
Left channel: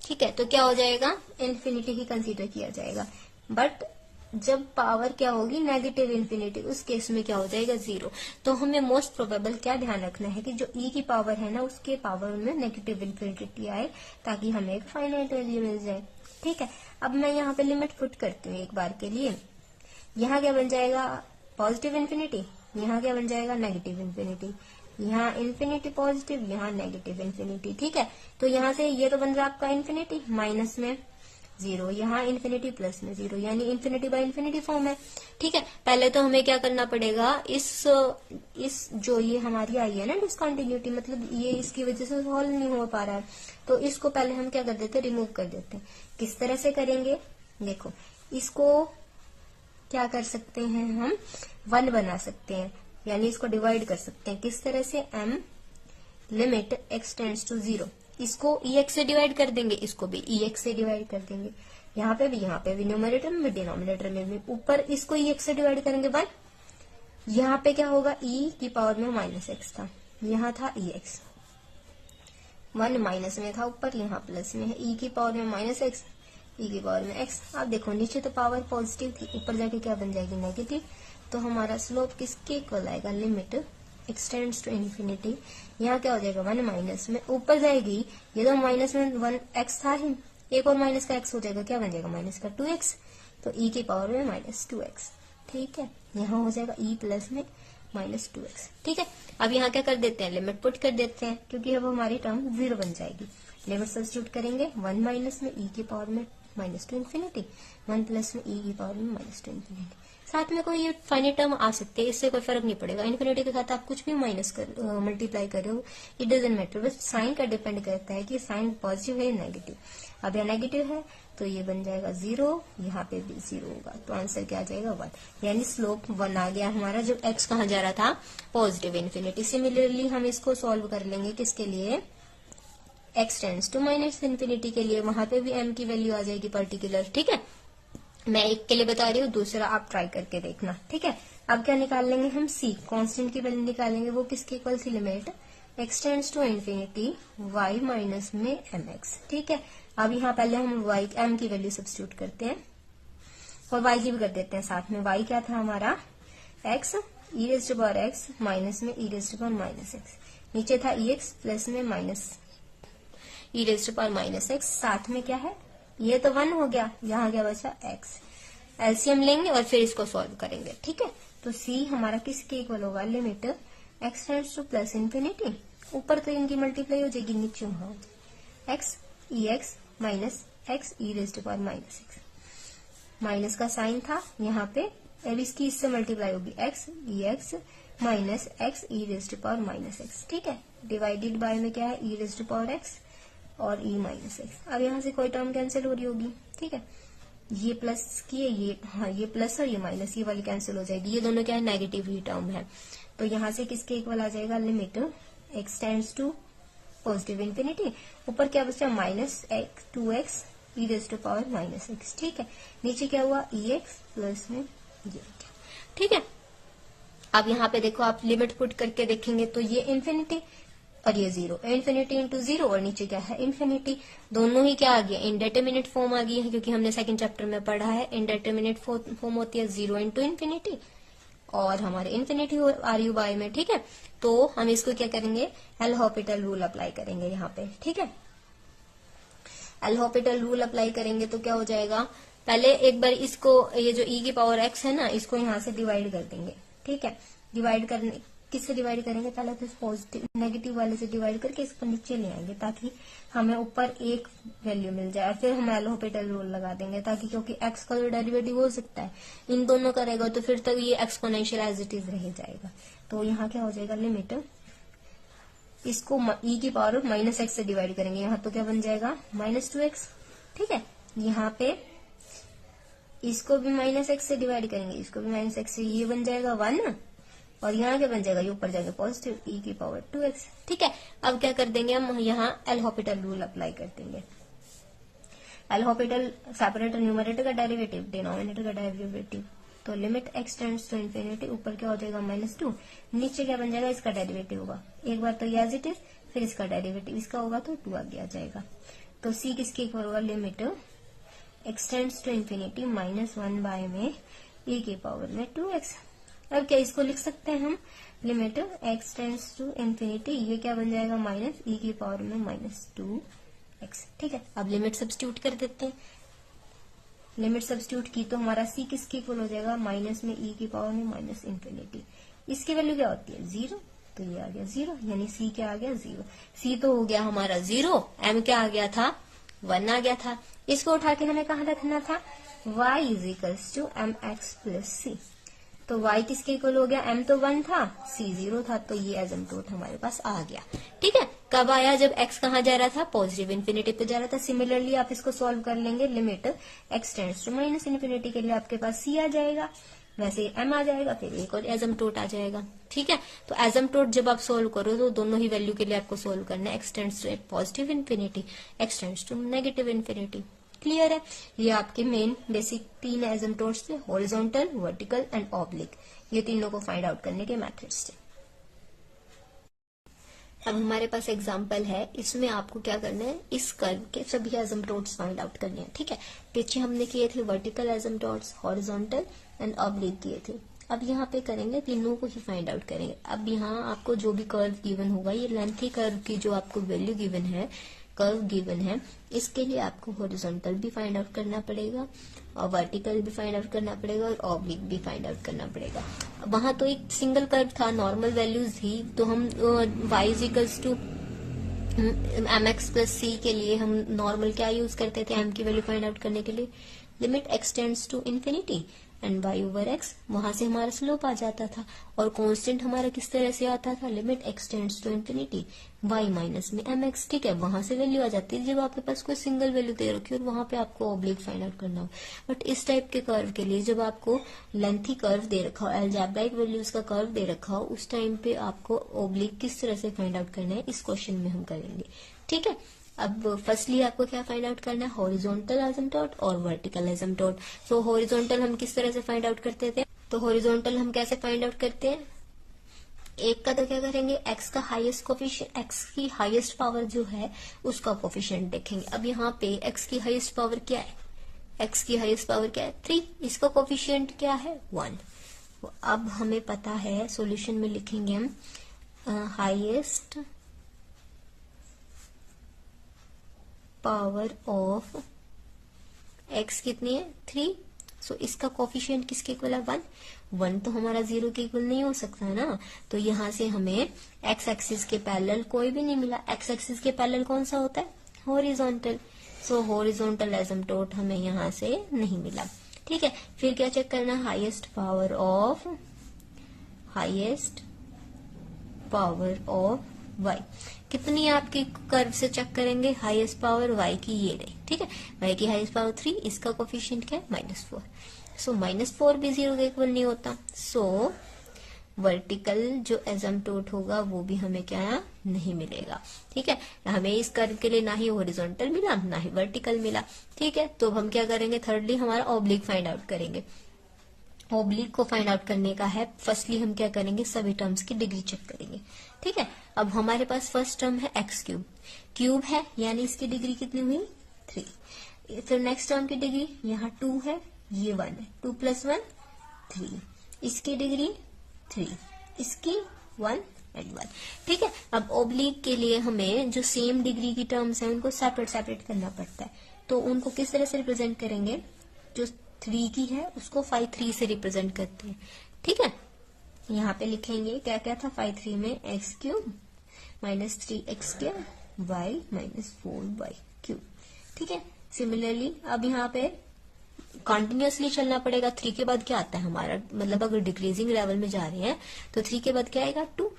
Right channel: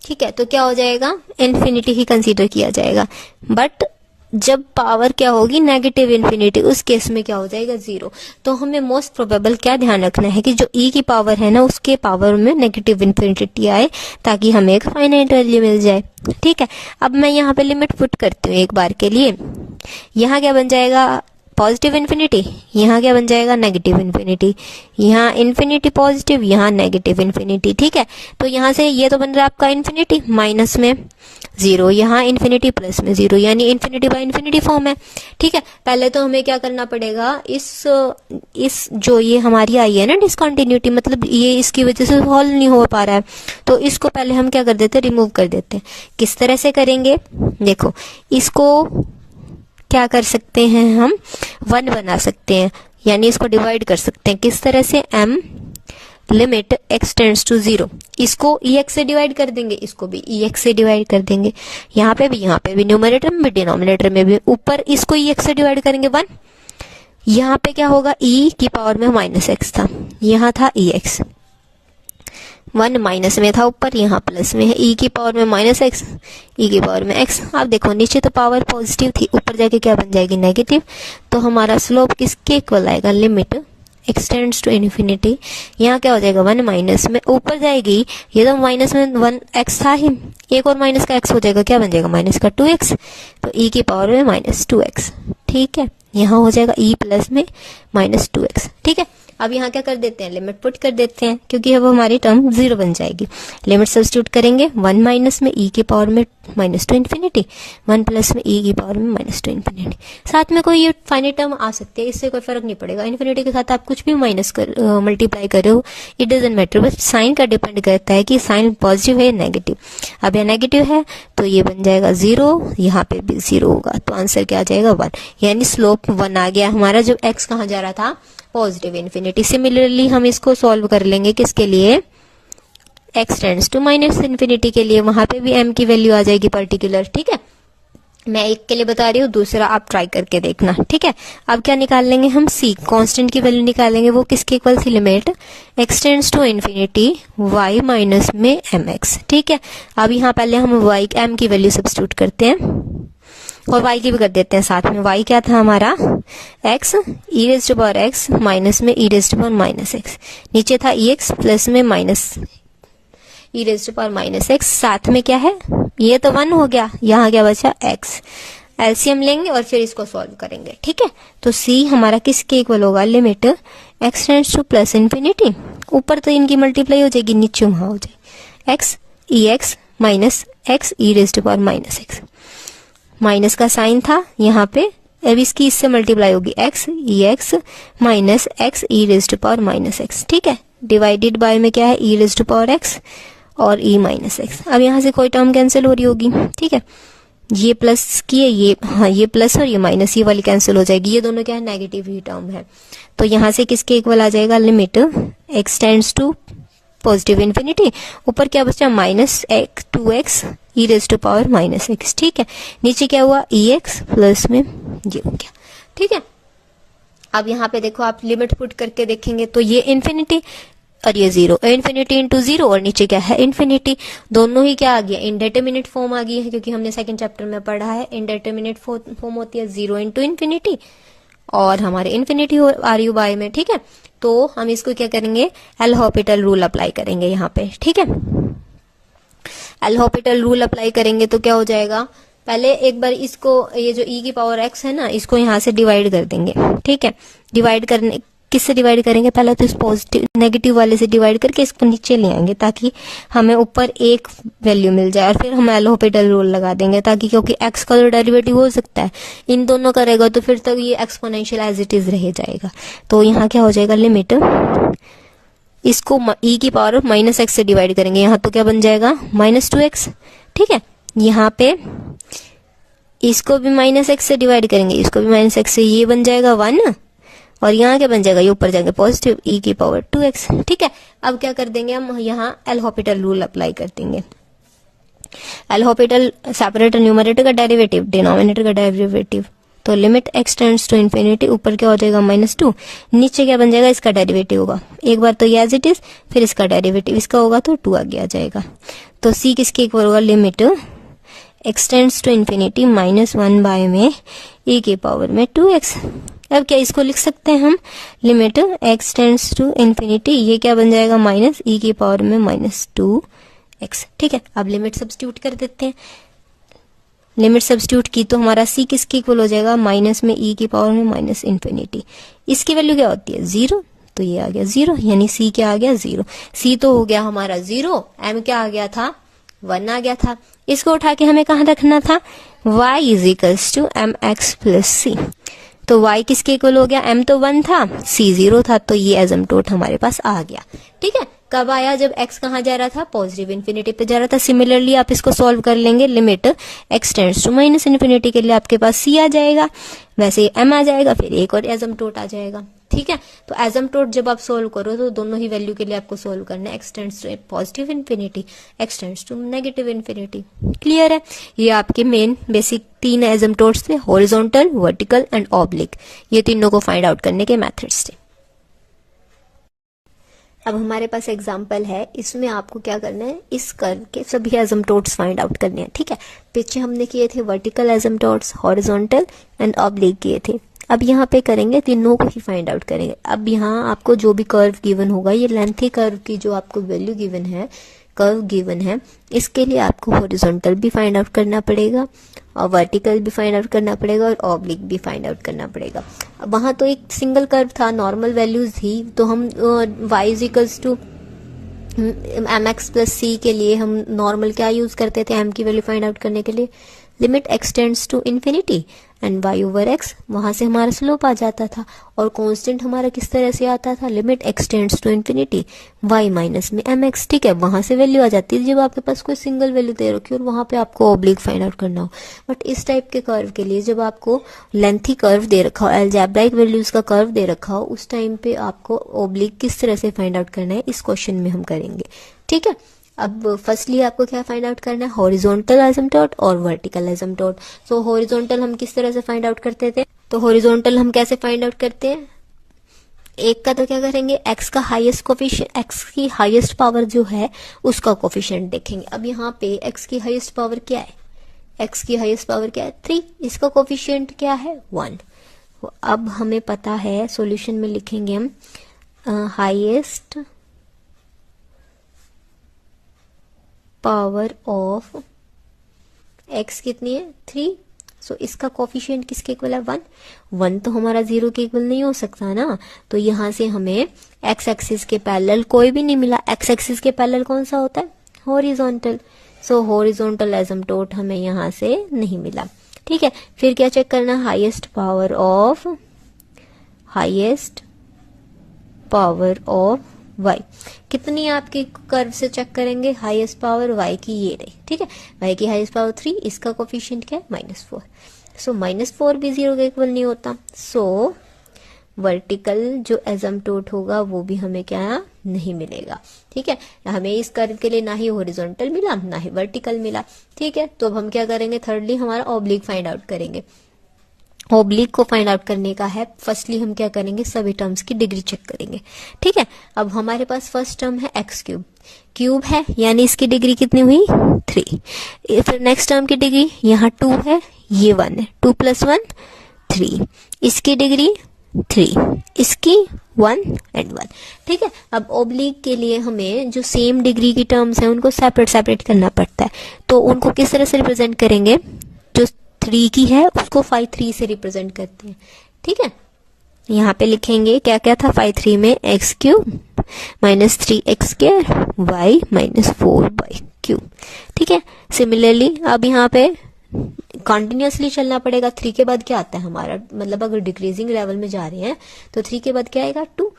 ठीक है, तो क्या हो जाएगा, इन्फिनिटी ही कंसीडर किया जाएगा। बट जब पावर क्या होगी, नेगेटिव इन्फिनिटी, उस केस में क्या हो जाएगा, 0। तो हमें मोस्ट प्रोबेबल क्या ध्यान रखना है कि जो e की पावर है ना, उसके पावर में नेगेटिव इन्फिनिटी आए ताकि हमें एक फाइनाइट वैल्यू मिल जाए। ठीक है, अब मैं यहाँ पे लिमिट पुट करती हूँ एक बार के लिए। यहाँ क्या बन जाएगा, पॉजिटिव इन्फिनिटी, यहाँ क्या बन जाएगा, नेगेटिव इन्फिनिटी, यहाँ इन्फिनिटी पॉजिटिव, यहाँ नेगेटिव इन्फिनिटी। ठीक है, तो यहाँ से ये तो बन रहा है आपका इन्फिनिटी माइनस में 0, यहाँ इन्फिनिटी प्लस में 0, यानी इन्फिनिटी बाय इन्फिनिटी फॉर्म है। ठीक है, पहले तो हमें क्या करना पड़ेगा, इस जो ये हमारी आई है ना डिसकंटिन्यूटी, मतलब ये इसकी वजह से सॉल्व नहीं हो पा रहा है, तो इसको पहले हम क्या कर देते हैं, रिमूव कर देते हैं। किस तरह से करेंगे, देखो, इसको क्या कर सकते हैं, हम 1 बना सकते हैं, यानी इसको डिवाइड कर सकते हैं। किस तरह से, m limit x tends to 0, इसको ex से डिवाइड कर देंगे, इसको भी ex से डिवाइड कर देंगे, यहाँ पे भी न्यूमरेटर में भी डिनोमिनेटर में भी, ऊपर इसको ex से डिवाइड करेंगे 1, यहाँ पे क्या होगा, e की पावर में माइनस x था, यहाँ था ex, 1 माइनस में था ऊपर, यहाँ प्लस में है, e की पावर में माइनस x, e की पावर में x। आप देखो नीचे तो पावर पॉजिटिव थी, ऊपर जाके क्या बन जाएगी, नेगेटिव। तो हमारा स्लोप किसके इक्वल आएगा, limit x tends to infinity, यहाँ क्या हो जाएगा, 1 माइनस में ऊपर जाएगी, ये तो माइनस में 1 x था ही, एक और माइनस का x हो जाएगा, क्या बन जाएगा, माइनस का 2x, तो e की पावर में माइनस 2x। ठीक है, यहाँ हो जाएगा e प्लस में माइनस 2x। ठीक है, अब यहाँ क्या कर देते हैं, लिमिट पुट कर देते हैं, क्योंकि अब हमारी टर्म 0 बन जाएगी। लिमिट सब्स्टिट्यूट करेंगे, 1 माइनस में e की पावर में माइनस 2 इन्फिनिटी, 1 प्लस में e की पावर में माइनस 2 इन्फिनिटी। साथ में कोई ये फाइनाइट टर्म आ सकते हैं, इससे कोई फर्क नहीं पड़ेगा। इन्फिनिटी के साथ आप कुछ भी माइनस कर मल्टीप्लाई कर रहे हो, इट डजंट मैटर, बस साइन का डिपेंड करता है कि साइन पॉजिटिव है या नेगेटिव। अब यह नेगेटिव है तो ये बन जाएगा 0, यहाँ पे भी 0 होगा, तो आंसर क्या आ जाएगा, 1, यानी स्लोप 1 आ गया हमारा। जब x कहाँ जा रहा था, पॉजिटिव इन्फिनिटी। सिमिलरली हम इसको सॉल्व कर लेंगे किसके लिए, x tends to minus infinity के लिए, वहां पे भी m की वैल्यू आ जाएगी पर्टिकुलर। ठीक है, मैं एक के लिए बता रही हूँ, दूसरा आप ट्राई करके देखना। ठीक है, अब क्या निकाल लेंगे हम, c कांस्टेंट की वैल्यू निकालेंगे, वो किसके इक्वल थी, limit x tends to infinity y minus में mx। ठीक है, अब यहाँ पहले हम y m की वैल्यू सब्स्टिट्यूट करते हैं और y की भी कर देते हैं साथ में। y क्या था हमारा, x e raise to power x माइनस में e raise to power minus x, नीचे था ex प्लस में minus e raise to power minus x, साथ में क्या है, ये तो 1 हो गया, यहाँ क्या बचा x। एलसीएम लेंगे और फिर इसको सॉल्व करेंगे। ठीक है, तो c हमारा किसके इक्वल होगा, limit x tends two plus infinity, ऊपर तो इनकी मल्टीप्लाई हो जाएगी, नीचे वहां हो जाएगी x ex minus x e raise to power minus x, minus का साइन था यहाँ पे, अब इसकी इससे मल्टीप्लाई होगी x ex minus x e raise to power minus x। ठीक है, डिवाइडेड बाय में क्या है, e raise to power x और e माइनस x। अब यहाँ से कोई टर्म कैंसिल हो रही होगी। ठीक है, ये प्लस की है, ये हाँ ये प्लस और ये माइनस, ये वाली कैंसिल हो जाएगी, ये दोनों क्या है, नेगेटिव ही टर्म है। तो यहाँ से किसके इक्वल आ जाएगा, limit x tends to positive infinity, ऊपर क्या बचा, minus 2x e raise to power minus x। ठीक है, नीचे क्या हुआ, ex प्लस में ये हो गया। ठीक है, अब यहाँ पे देखो आप लिमिट पुट करके देखेंगे तो ये इन्फिनिटी और ये 0, इन्फिनिटी इंटू 0 और नीचे क्या है, इन्फिनिटी, दोनों ही क्या आ गया, इनडेटरमिनेट फॉर्म आ गई है, क्योंकि हमने सेकंड चैप्टर में पढ़ा है इनडेटरमिनेट फॉर्म होती है 0 इंटू इन्फिनिटी और हमारे इन्फिनिटी आर यू बाय में। ठीक है, तो हम इसको क्या करेंगे, एल हॉपिटल रूल अप्लाई करेंगे यहाँ पे। ठीक है, एल हॉपिटल रूल अप्लाई करेंगे तो क्या हो जाएगा, पहले एक बार इसको, ये जो e की पावर x है ना, इसको यहाँ से डिवाइड कर देंगे। ठीक है, डिवाइड करने, किससे डिवाइड करेंगे, पहले तो इस पॉजिटिव नेगेटिव वाले से डिवाइड करके इसको नीचे ले आएंगे ताकि हमें ऊपर एक वैल्यू मिल जाए, और फिर हम एल हॉपिटल रूल लगा देंगे ताकि, क्योंकि x का तो डेरिवेटिव हो सकता है, इन दोनों करेगा तो फिर तक ये एक्सपोनेंशियल एज इट इज रह जाएगा। तो यहाँ क्या हो जाएगा, लिमिट इसको e की पावर माइनस x से डिवाइड करेंगे, यहाँ तो क्या बन जाएगा, माइनस 2x। ठीक है, यहाँ पे इसको भी माइनस x से डिवाइड करेंगे, इसको भी माइनस x से, ये बन जाएगा 1 और यहाँ क्या बन जाएगा, ये ऊपर जाएंगे पॉजिटिव e की पावर 2x। ठीक है, अब क्या कर देंगे हम, यहाँ एल हॉपिटल रूल अप्लाई कर देंगे। एल हॉपिटल सेपरेटर न्यूमरेटर का डेरिवेटिव, डिनोमिनेटर का डेरिवेटिव, तो limit x tends to infinity, ऊपर क्या हो जाएगा -2, नीचे क्या बन जाएगा, इसका डेरिवेटिव होगा, एक बार तो ये एज इट इज, फिर इसका डेरिवेटिव इसका होगा तो 2 आगे आ जाएगा। तो c किसके इक्वल होगा, limit x tends to infinity -1 by में e की पावर में 2x। अब क्या इसको लिख सकते हैं हम, limit x tends to infinity, ये क्या बन जाएगा, माइनस e की पावर में -2x। ठीक है, अब लिमिट सब्स्टिट्यूट कर देते हैं, लिमिट सब्स्टिट्यूट की तो हमारा c किसके इक्वल हो जाएगा, माइनस में e की पावर में माइनस इन्फिनिटी, इसकी वैल्यू क्या होती है, 0, तो ये आ गया 0, यानी c क्या आ गया, 0। c तो हो गया हमारा 0, m क्या आ गया था, 1 आ गया था। इसको उठा के हमें कहाँ रखना था, y is equals to mx plus c, तो y किसके इक्वल हो गया, m तो 1 था, c 0 था, तो ये एसिम्प्टोट हमारे पास आ गया। ठीक है, कब आया, जब x कहाँ जा रहा था, पॉजिटिव इन्फिनिटी पे जा रहा था। सिमिलरली आप इसको सॉल्व कर लेंगे, limit x tends to minus infinity के लिए आपके पास c आ जाएगा, वैसे ही m आ जाएगा, फिर एक और एसिम्प्टोट आ जाएगा। ठीक है, तो एसिम्प्टोट जब आप सोल्व करो तो दोनों ही वैल्यू के लिए आपको सोल्व करना है, x tends to positive infinity, x tends to negative infinity. Clear है, ये आपके मेन बेसिक 3 एसिम्प्टोट्स थे, हॉरिजॉन्टल, वर्टिकल एंड ऑब्लिक, ये तीनों को फाइंड आउट करने के मेथड्स थे। अब हमारे पास एग्जाम्पल है, इसमें आपको क्या करना है, इस कर्व के सभी एसिम्प्टोट्स फाइंड आउट करने हैं। ठीक है, पीछे हमने किए थे vertical asymptotes, horizontal and oblique किए थे, अब यहाँ पे करेंगे, तीनों को ही फाइंड आउट करेंगे। अब यहाँ आपको जो भी कर्व गिवन होगा, ये लेंथी कर्व की जो आपको वैल्यू गिवन है, कर्व गिवन है, इसके लिए आपको हॉरिजॉन्टल भी फाइंड आउट करना पड़ेगा और वर्टिकल भी फाइंड आउट करना पड़ेगा और ऑब्लिक भी फाइंड आउट करना पड़ेगा। अब वहां तो एक सिंगल कर्व था, नॉर्मल वैल्यूज थी, तो हम y is equals to mx plus c के लिए हम नॉर्मल क्या यूज करते थे, m की वैल्यू फाइंड आउट करने के लिए, limit x tends to infinity, and y over x, वहां से हमारा स्लोप आ जाता था। और कांस्टेंट हमारा किस तरह से आता था, limit x tends to infinity y minus में mx, ठीक है। वहां से वैल्यू आ जाती है जब आपके पास कोई सिंगल वैल्यू दे रखी हो और वहां पे आपको ऑब्लिक फाइंड आउट करना हो। बट इस टाइप के कर्व के लिए जब आपको लेंथी कर्व दे रखा हो, अलजेब्राइक वैल्यूज का कर्व दे रखा हो, उस टाइम पे आपको ऑब्लिक किस तरह से फाइंड आउट करना है इस क्वेश्चन में हम करेंगे, ठीक है। अब फर्स्टली आपको क्या फाइंड आउट करना है, हॉरिजॉन्टल एसिम्पटोट और वर्टिकल एसिम्पटोट। सो हॉरिजॉन्टल हम किस तरह से फाइंड आउट करते थे, तो हॉरिजॉन्टल हम कैसे फाइंड आउट करते हैं, एक का तो क्या करेंगे, x का हाईएस्ट कोफिशिएंट, x की हाईएस्ट पावर जो है उसका कोफिशिएंट देखेंगे। अब यहाँ पे x की हाईएस्ट पावर क्या है, x की हाईएस्ट पावर क्या है 3, इसका कोफिशिएंट क्या है 1। अब हमें पता है, सॉल्यूशन में लिखेंगे हम हाईएस्ट पावर ऑफ x कितनी है 3, सो इसका कोफिशिएंट किसके इक्वल है 1। 1 तो हमारा 0 के इक्वल नहीं हो सकता ना, तो यहां से हमें x एक्सिस के पैरेलल कोई भी नहीं मिला। x एक्सिस के पैरेलल कौन सा होता है, हॉरिजॉन्टल। सो हॉरिजॉन्टल एसिम्पटोट हमें यहां से नहीं मिला, ठीक है। फिर क्या चेक करना, हाईएस्ट पावर ऑफ y कितनी आपकी कर्व से चेक करेंगे, हाईएस्ट पावर y की ये रही, ठीक है। y की हाईएस्ट पावर 3, इसका कोफिशिएंट क्या है -4। सो -4 भी 0 के इक्वल नहीं होता। सो वर्टिकल जो एसिम्पटोट होगा वो भी हमें क्या नहीं मिलेगा, ठीक है। हमें इस कर्व के लिए ना ही हॉरिजॉन्टल मिला ना ही वर्टिकल मिला, ठीक है। तो अब हम क्या करेंगे, थर्डली हमारा ऑब्लिक फाइंड आउट करेंगे। ऑब्लिक को फाइंड आउट करने का है, फर्स्टली हम क्या करेंगे, सभी टर्म्स की डिग्री चेक करेंगे, ठीक है। अब हमारे पास फर्स्ट टर्म है x क्यूब, क्यूब है यानी इसकी डिग्री कितनी हुई 3। फिर नेक्स्ट टर्म की डिग्री यहाँ 2 है, ये 1 है, 2 + 1 3, इसकी डिग्री 3, इसकी 1 एंड 1, ठीक है। अब ऑब्लिक के लिए हमें जो सेम डिग्री की टर्म्स हैं उनको सेपरेट करना पड़ता है, तो उनको किस तरह से रिप्रेजेंट करेंगे, जो 3 की है उसको 5 3 से रिप्रेजेंट करते हैं, ठीक है। यहाँ पे लिखेंगे क्या क्या था, 5 3 में x cube -3x² y -4y cube, ठीक है। सिमिलरली अब यहाँ पे कंटिन्यूअसली चलना पड़ेगा। 3 के बाद क्या आता है हमारा, मतलब अगर डिक्रीजिंग लेवल में जा रहे हैं तो 3 के बाद क्या आएगा 2।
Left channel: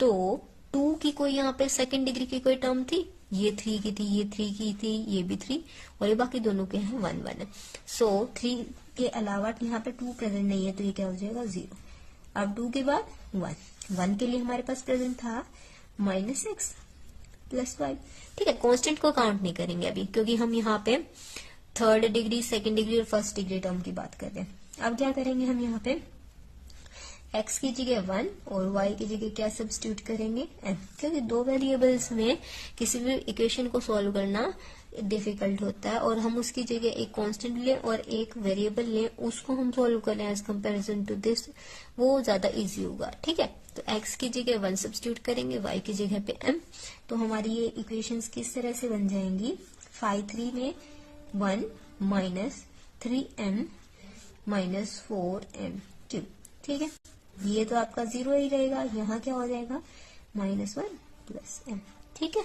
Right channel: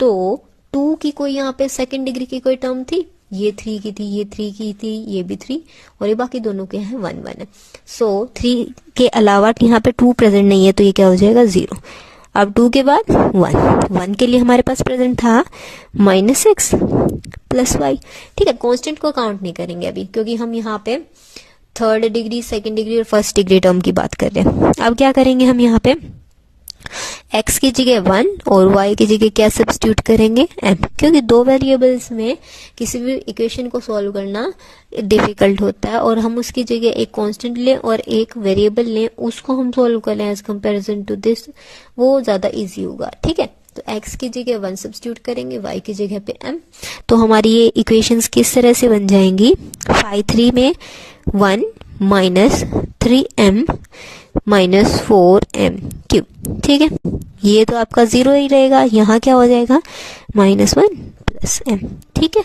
तो 2 की कोई यहाँ पे सेकंड डिग्री की कोई टर्म थी, ये 3 की थी, ये 3 की थी, ये भी 3, और ये बाकी दोनों के हैं 1 1 है। सो 3 के अलावा यहाँ पे 2 प्रेजेंट नहीं है, तो ये क्या हो जाएगा 0। अब 2 के बाद 1 के लिए हमारे पास प्रेजेंट था -x + y, ठीक है। कांस्टेंट को काउंट नहीं करेंगे अभी, क्योंकि हम यहाँ पे थर्ड डिग्री, सेकंड डिग्री और फर्स्ट डिग्री टर्म की बात कर रहे हैं। अब क्या करेंगे हम यहाँ पे, x की जगह 1 और y की जगह क्या सब्स्टिट्यूट करेंगे m, क्योंकि दो वेरिएबल्स में किसी भी इक्वेशन को सॉल्व करना डिफिकल्ट होता है, और हम उसकी जगह एक कांस्टेंट लें और एक वेरिएबल लें, उसको हम सॉल्व करें एज कंपैरिजन टू दिस, वो ज्यादा इजी होगा, ठीक है। तो x की जगह 1 सब्स्टिट्यूट करेंगे, y की जगह पे m, तो हमारी ये इक्वेशंस किस तरह से बन जाएंगी, 5 3 में 1 -3m -4m क्यूब, ठीक है। ये तो आपका 0 ही रहेगा, यहाँ क्या हो जाएगा -1 + m, ठीक है।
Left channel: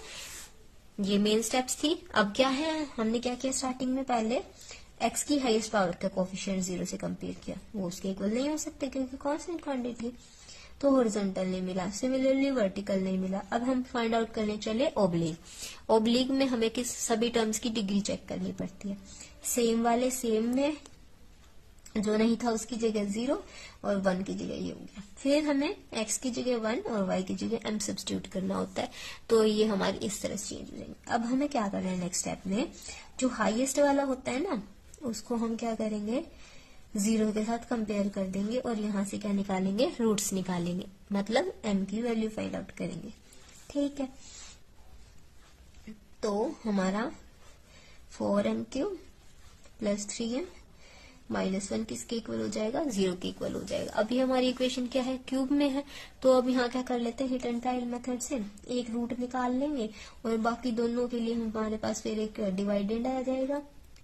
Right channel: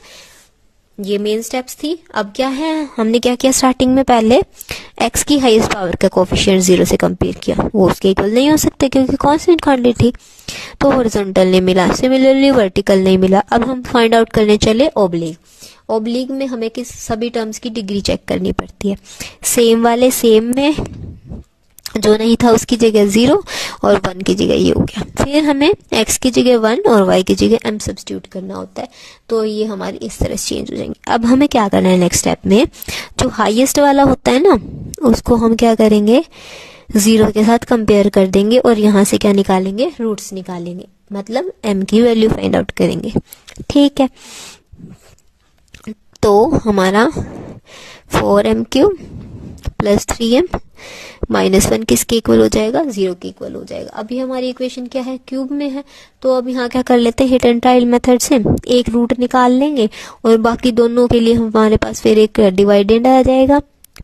ये मेन स्टेप्स थी। अब क्या है, हमने क्या किया स्टार्टिंग में, पहले x की हाईएस्ट पावर का कोफिशिएंट 0 से कंपेयर किया, वो उसके इक्वल नहीं हो सकते क्योंकि कांस्टेंट क्वांटिटी थी, तो हॉरिजॉन्टल नहीं मिला, सिमिलरली वर्टिकल नहीं मिला। अब हम फाइंड आउट करने चले ऑब्लिक। ऑब्लिक में हमें किस सभी टर्म्स की डिग्री चेक करनी पड़ती है, सेम वाले सेम में, जो नहीं था उसकी जगह 0 और 1 की जगह ये हो गया। फिर हमें x की जगह 1 और y की जगह m सब्स्टिट्यूट करना होता है, तो ये हमारी इस तरह से चेंज हो जाएंगे। अब हमें क्या करना है, नेक्स्ट स्टेप में जो हाईएस्ट वाला होता है ना, उसको हम क्या करेंगे 0 के साथ कंपेयर कर देंगे और यहाँ से क्या निकालेंगे, रूट्स निकालेंगे, मतलब m की वैल्यू फाइंड आउट करेंगे, ठीक है। तो हमारा 4m³ + 3m -1 किसके इक्वल हो जाएगा, 0 के इक्वल हो जाएगा। अभी हमारी इक्वेशन क्या है, क्यूब में है, तो अब यहाँ क्या कर लेते हैं, हिट एंड ट्रायल मेथड से एक रूट निकाल लेंगे और बाकी दोनों के लिए हमारे पास फिर एक डिवाइडेंड आ जाएगा,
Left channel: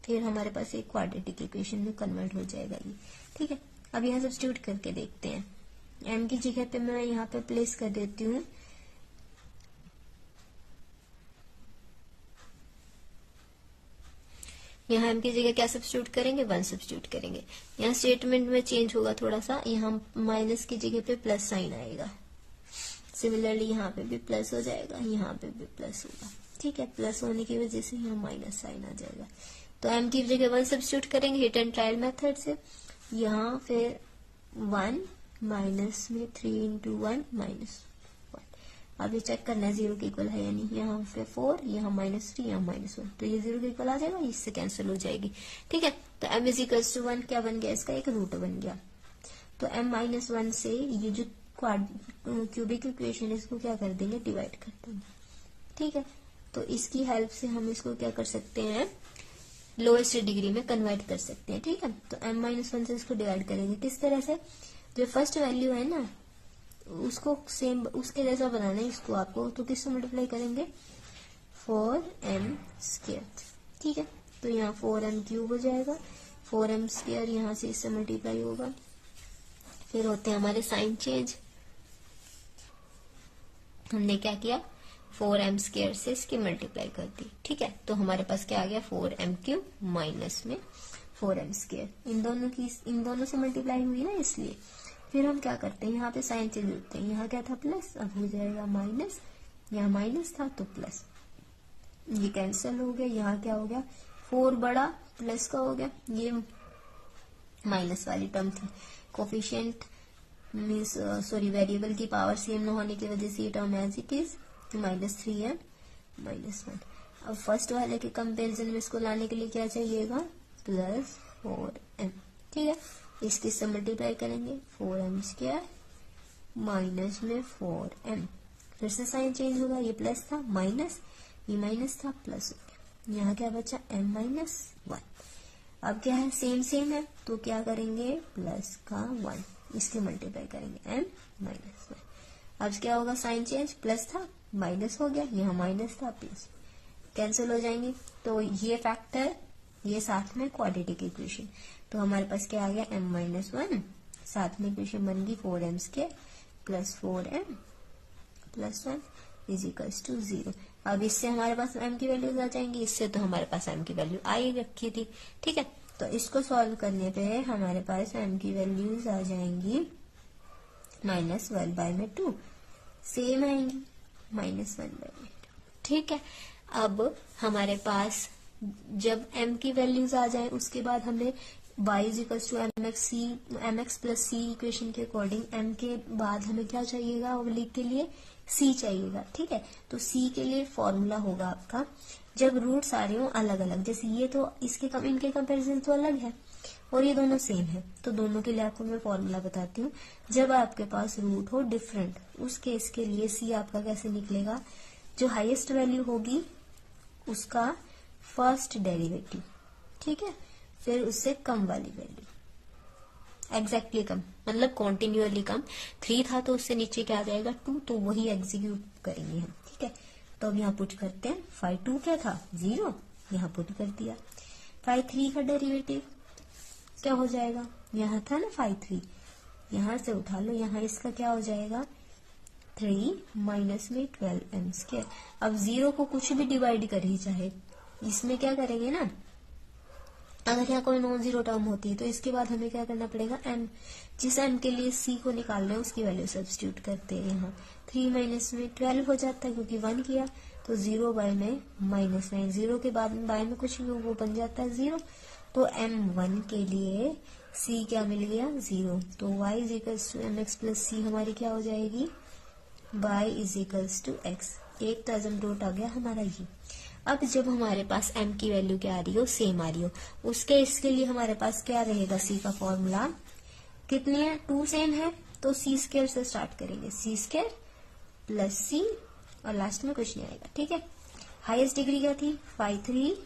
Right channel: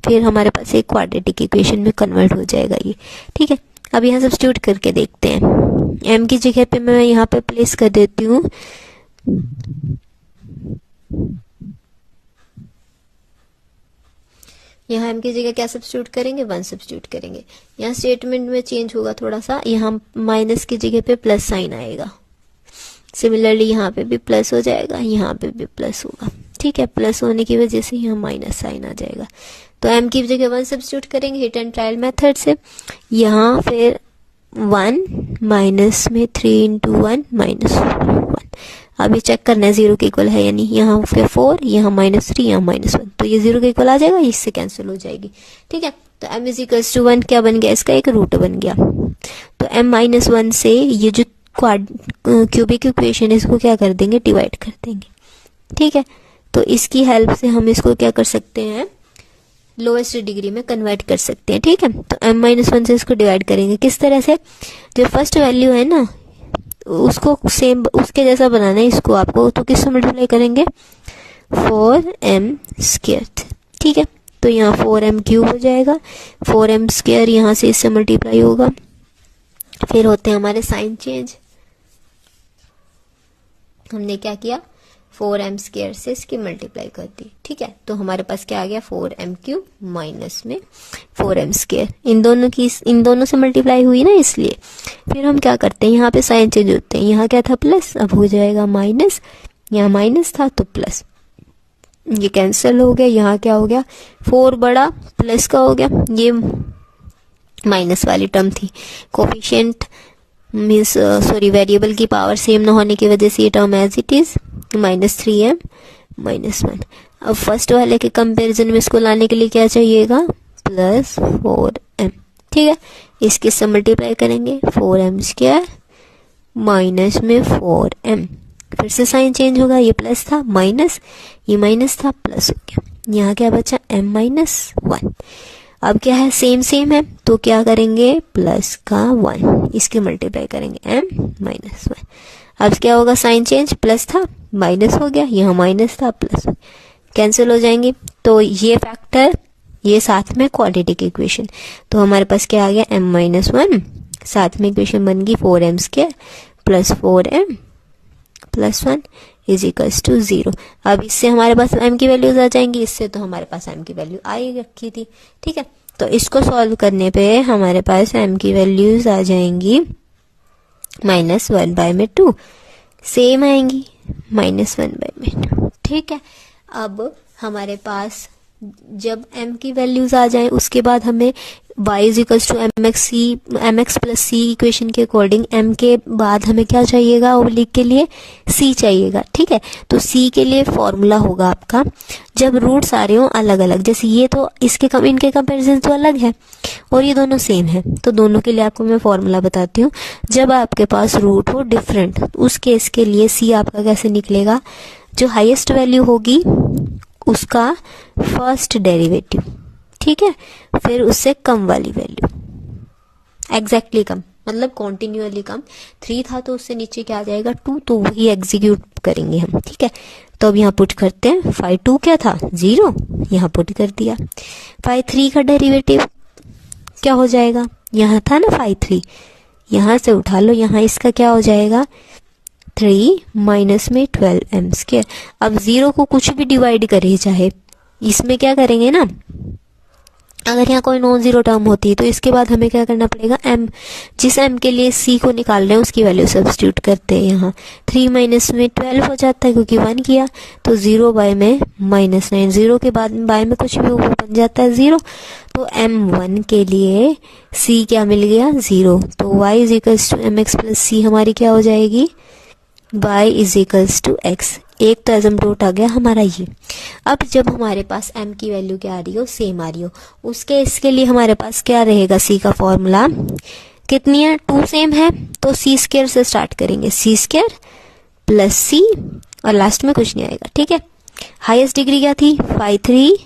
फिर हमारे पास एक क्वाड्रेटिक इक्वेशन में कन्वर्ट हो जाएगा ये, ठीक है। अब यहाँ सब्स्टिट्यूट करके देखते हैं, m की जगह पे मैं यहाँ पे प्लेस कर देती हूँ यहाँ m की जगह क्या सब्स्टिट्यूट करेंगे, 1 सब्स्टिट्यूट करेंगे। यहाँ स्टेटमेंट में चेंज होगा थोड़ा सा, यहाँ माइनस की जगह पे प्लस साइन आएगा। सिमिलरली यहाँ पे भी प्लस हो जाएगा, यहाँ पे भी प्लस होगा, ठीक है। प्लस होने की वजह से यहाँ माइनस साइन आ जाएगा। तो m की जगह 1 सब्स्टिट्यूट करेंगे हिट एंड ट्रायल मेथड से। यहाँ फिर 1 माइनस में 3 इंटू 1 -1। अब ये चेक करना है 0 के इक्वल है यानी, यहाँ फिर 4, यहाँ -3, यहाँ -1, तो ये 0 के इक्वल आ जाएगा, इससे कैंसिल हो जाएगी, ठीक है। तो m = 1 क्या बन गया, इसका एक रूट बन गया। तो m-1 से ये जो क्यूबिक इक्वेशन है इसको क्या कर देंगे, डिवाइड कर देंगे, ठीक है। तो इसकी हेल्प से हम इसको क्या कर सकते हैं, लोएस्ट डिग्री में कन्वर्ट कर सकते हैं, ठीक है। तो m-1 से इसको डिवाइड करेंगे किस तरह से, जो फर्स्ट वैल्यू है ना उसको सेम उसके जैसा बनाना है इसको आपको, तो किससे मल्टीप्लाई करेंगे, 4m², ठीक है। तो यहाँ 4m³ हो जाएगा, 4m² यहाँ से इससे मल्टीप्लाई होगा। फिर होते हैं हमारे साइन चेंज। हमने क्या किया, 4m² से इसकी मल्टीप्लाई कर दी, ठीक है। तो हमारे पास क्या आ गया, 4m³ माइनस में 4m², इन दोनों से मल्टीप्लाई हुई ना इसलिए। फिर हम क्या करते हैं, यहाँ पे साइन चेंज होते हैं, यहाँ क्या था प्लस, अब हो जाएगा माइनस, यहाँ माइनस था तो प्लस, ये कैंसिल हो गया। यहाँ क्या हो गया, 4 बड़ा प्लस का हो गया, ये माइनस वाली टर्म थी। कोफिशिएंट मीन्स वेरिएबल की पावर सेम ना होने की वजह से ये term as it is -3m -1। अब फर्स्ट वाले के कंपैरिजन में इसको लाने के लिए क्या चाहिएगा, +4m, ठीक है। इसके से मल्टीप्लाई करेंगे 4m² माइनस में 4m, फिर से साइन चेंज होगा, ये प्लस था माइनस, ये माइनस था प्लस हो गया। यहाँ क्या बचा, m-1। अब क्या है, सेम है, तो क्या करेंगे, प्लस का 1, इसकी मल्टीप्लाई करेंगे m-1। अब क्या होगा, साइन चेंज, प्लस था माइनस हो गया, यहाँ माइनस था प्लस, कैंसिल हो जाएंगे। तो ये फैक्टर, ये साथ में क्वाड्रेटिक इक्वेशन, तो हमारे पास क्या आ गया, m-1, साथ में इक्वेशन बन गई 4m² प्लस 4m प्लस 1 = 0। अब इससे हमारे पास m की वैल्यूज आ जाएंगी, इससे तो हमारे पास m की वैल्यू आ ही रखी थी, ठीक है। तो इसको सॉल्व करने पे हमारे पास m की वैल्यूज आ जाएंगी -1/2, सेम आएंगी -1/2, ठीक है। अब हमारे पास जब m की वैल्यूज आ जाए उसके बाद हमें y = mx + c इक्वेशन के अकॉर्डिंग m के बाद हमें क्या चाहिएगा, ओब्लिक के लिए c चाहिएगा, ठीक है। तो c के लिए फॉर्मूला होगा आपका, जब रूट्स आ रहे हो अलग अलग, जैसे ये तो इनके कंपैरिजन तो अलग है और ये दोनों सेम है, तो दोनों के लिए आपको मैं फॉर्मूला बताती हूँ। जब आपके पास रूट हो डिफरेंट, उस केस के लिए c आपका कैसे निकलेगा, जो हाईएस्ट वैल्यू होगी उसका फर्स्ट डेरिवेटिव, ठीक है, फिर उससे कम वाली वैल्यू, एग्जैक्टली कम मतलब कॉन्टिन्यूअली कम, 3 था तो उससे नीचे क्या आ जाएगा, 2, तो वही एग्जीक्यूट करेंगे हम, ठीक है। तो अब यहाँ पुट करते हैं, 5/2 क्या था, 0, यहाँ पुट कर दिया। 5/3 का डेरिवेटिव क्या हो जाएगा, यहाँ था ना 5/3, यहाँ से उठा लो, यहाँ इसका क्या हो जाएगा, 3 माइनस में 12m²। अब 0 को कुछ भी डिवाइड करे चाहे, इसमें क्या करेंगे ना, अगर यहाँ कोई नॉन जीरो टर्म होती है तो इसके बाद हमें क्या करना पड़ेगा, m, जिस m के लिए c को निकाल रहे हैं उसकी वैल्यू सब्स्टिट्यूट करते हैं। यहाँ 3 माइनस में 12 हो जाता है क्योंकि 1 किया, तो 0 बाय में -9, 0 के बाद बाय में कुछ भी वो बन जाता है 0। तो m1 के लिए c क्या मिल गया, 0। तो y = mx + c हमारी क्या हो जाएगी, y = x। एक तो एसिम्प्टोट आ गया हमारा ये। अब जब हमारे पास m की वैल्यू क्या आ रही हो, सेम आ रही हो, उसके इसके लिए हमारे पास क्या रहेगा, c का फॉर्मूला कितनी है, 2 सेम है तो c² से स्टार्ट करेंगे, c² + c और लास्ट में कुछ नहीं आएगा, ठीक है। हाईएस्ट डिग्री क्या थी, 5/3,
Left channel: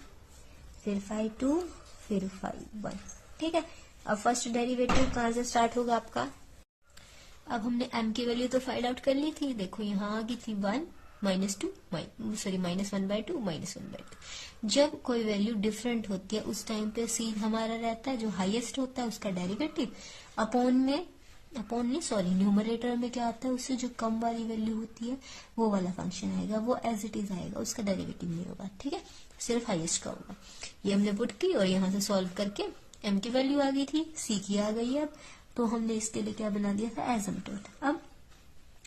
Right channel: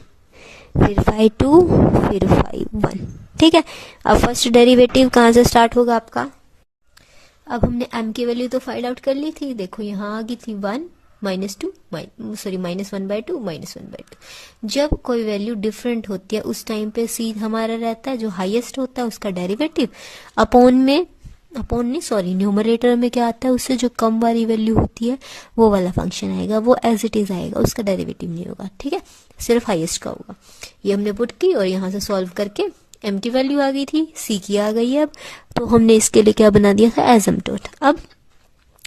फिर 5/2, फिर 5/1, ठीक है। अब फर्स्ट डेरिवेटिव कहाँ से स्टार्ट होगा आपका, अब हमने m की वैल्यू तो फाइंड आउट कर ली थी, देखो यहाँ आ गई थी 1 -1/2 -1/2। जब कोई वैल्यू डिफरेंट होती है उस टाइम पे c हमारा रहता है जो हाईएस्ट होता है उसका डेरिवेटिव अपॉन में अपॉन नहीं, सॉरी, न्यूमरेटर में क्या आता है, उससे जो कम वाली वैल्यू होती है वो वाला फंक्शन आएगा, वो एज इट इज आएगा, उसका डेरिवेटिव नहीं होगा, ठीक है, सिर्फ हाईएस्ट का होगा। ये हमने पुट की और यहाँ से सॉल्व करके m की वैल्यू आ गई थी, c की आ गई है अब, तो हमने इसके लिए क्या बना दिया था, एसिम्प्टोट। अब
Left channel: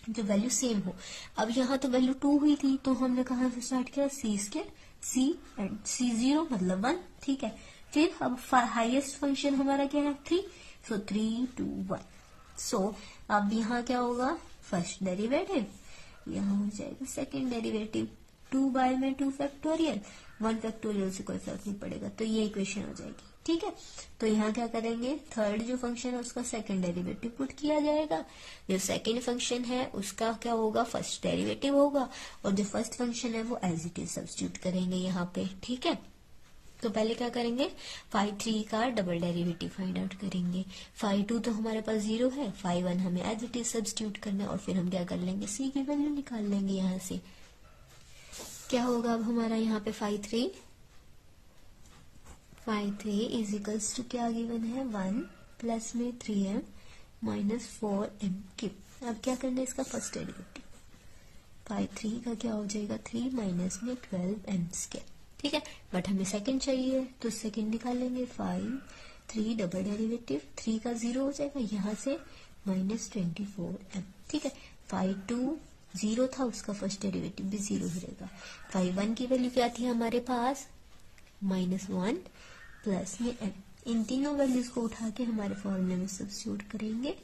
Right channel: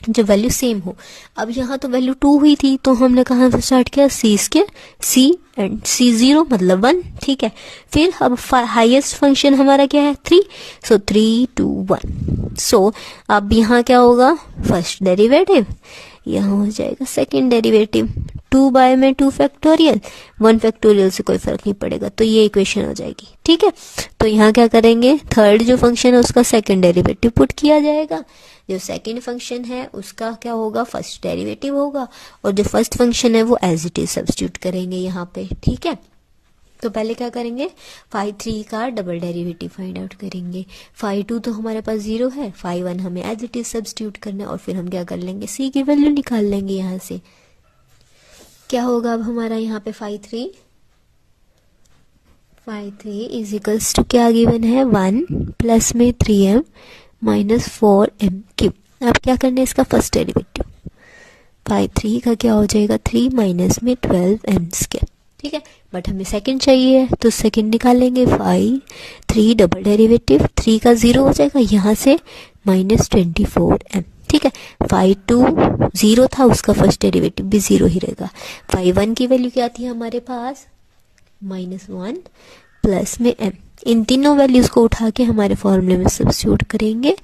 जो वैल्यू सेम हो, अब यहाँ तो वैल्यू 2 हुई थी, तो हमने कहाँ से स्टार्ट किया, c square, c and c 0 मतलब 1, ठीक है। फिर अब हाईएस्ट फंक्शन हमारा क्या है, 3, सो 3 2 1, सो अब यहाँ क्या होगा, फर्स्ट डेरिवेटिव, यहाँ हो जाएगा सेकेंड डेरिवेटिव, 2 बाय में 2 फैक्टोरियल, 1 फैक्टोरियल से कोई फर्क नहीं पड़ेगा, तो ये इक्वेशन हो जाएगी, ठीक है। तो यहाँ क्या करेंगे, थर्ड जो फंक्शन है उसका सेकंड डेरिवेटिव पुट किया जाएगा, जो सेकंड फंक्शन है उसका क्या होगा, फर्स्ट डेरिवेटिव होगा, और जो फर्स्ट फंक्शन है वो एज इट इज सब्स्टिट्यूट करेंगे यहाँ पे, ठीक है। तो पहले क्या करेंगे, फाई 3 का डबल डेरिवेटिव फाइंड आउट करेंगे, फाई 2 तो हमारे पास 0 है, फाई 1 हमें एज इट इज सब्स्टिट्यूट करना है, और फिर हम क्या कर लेंगे, c की वैल्यू निकाल लेंगे यहाँ से। क्या होगा अब हमारा यहाँ पे फाई 3 इज इक्वल्स टू क्या गिवन है, 1 प्लस में 3m माइनस 4m क्यूब। अब क्या करना है, इसका फर्स्ट डेरिवेटिव, फाई 3 का क्या हो जाएगा, 3 माइनस में 12m स्क्वायर, ठीक है, बट हमें सेकंड चाहिए तो सेकंड निकालेंगे, फाई 3 डबल डेरिवेटिव, 3 का 0 हो जाएगा, यहाँ से माइनस 24m, ठीक है। फाई 2 0 था, उसका फर्स्ट डेरिवेटिव भी 0 ही रहेगा। फाई 1 की वैल्यू क्या थी हमारे पास, -1 प्लस में m, इन तीनों वैल्यूज को उठा के हमारे फॉर्मूले में सब्स्टिट्यूट करेंगे,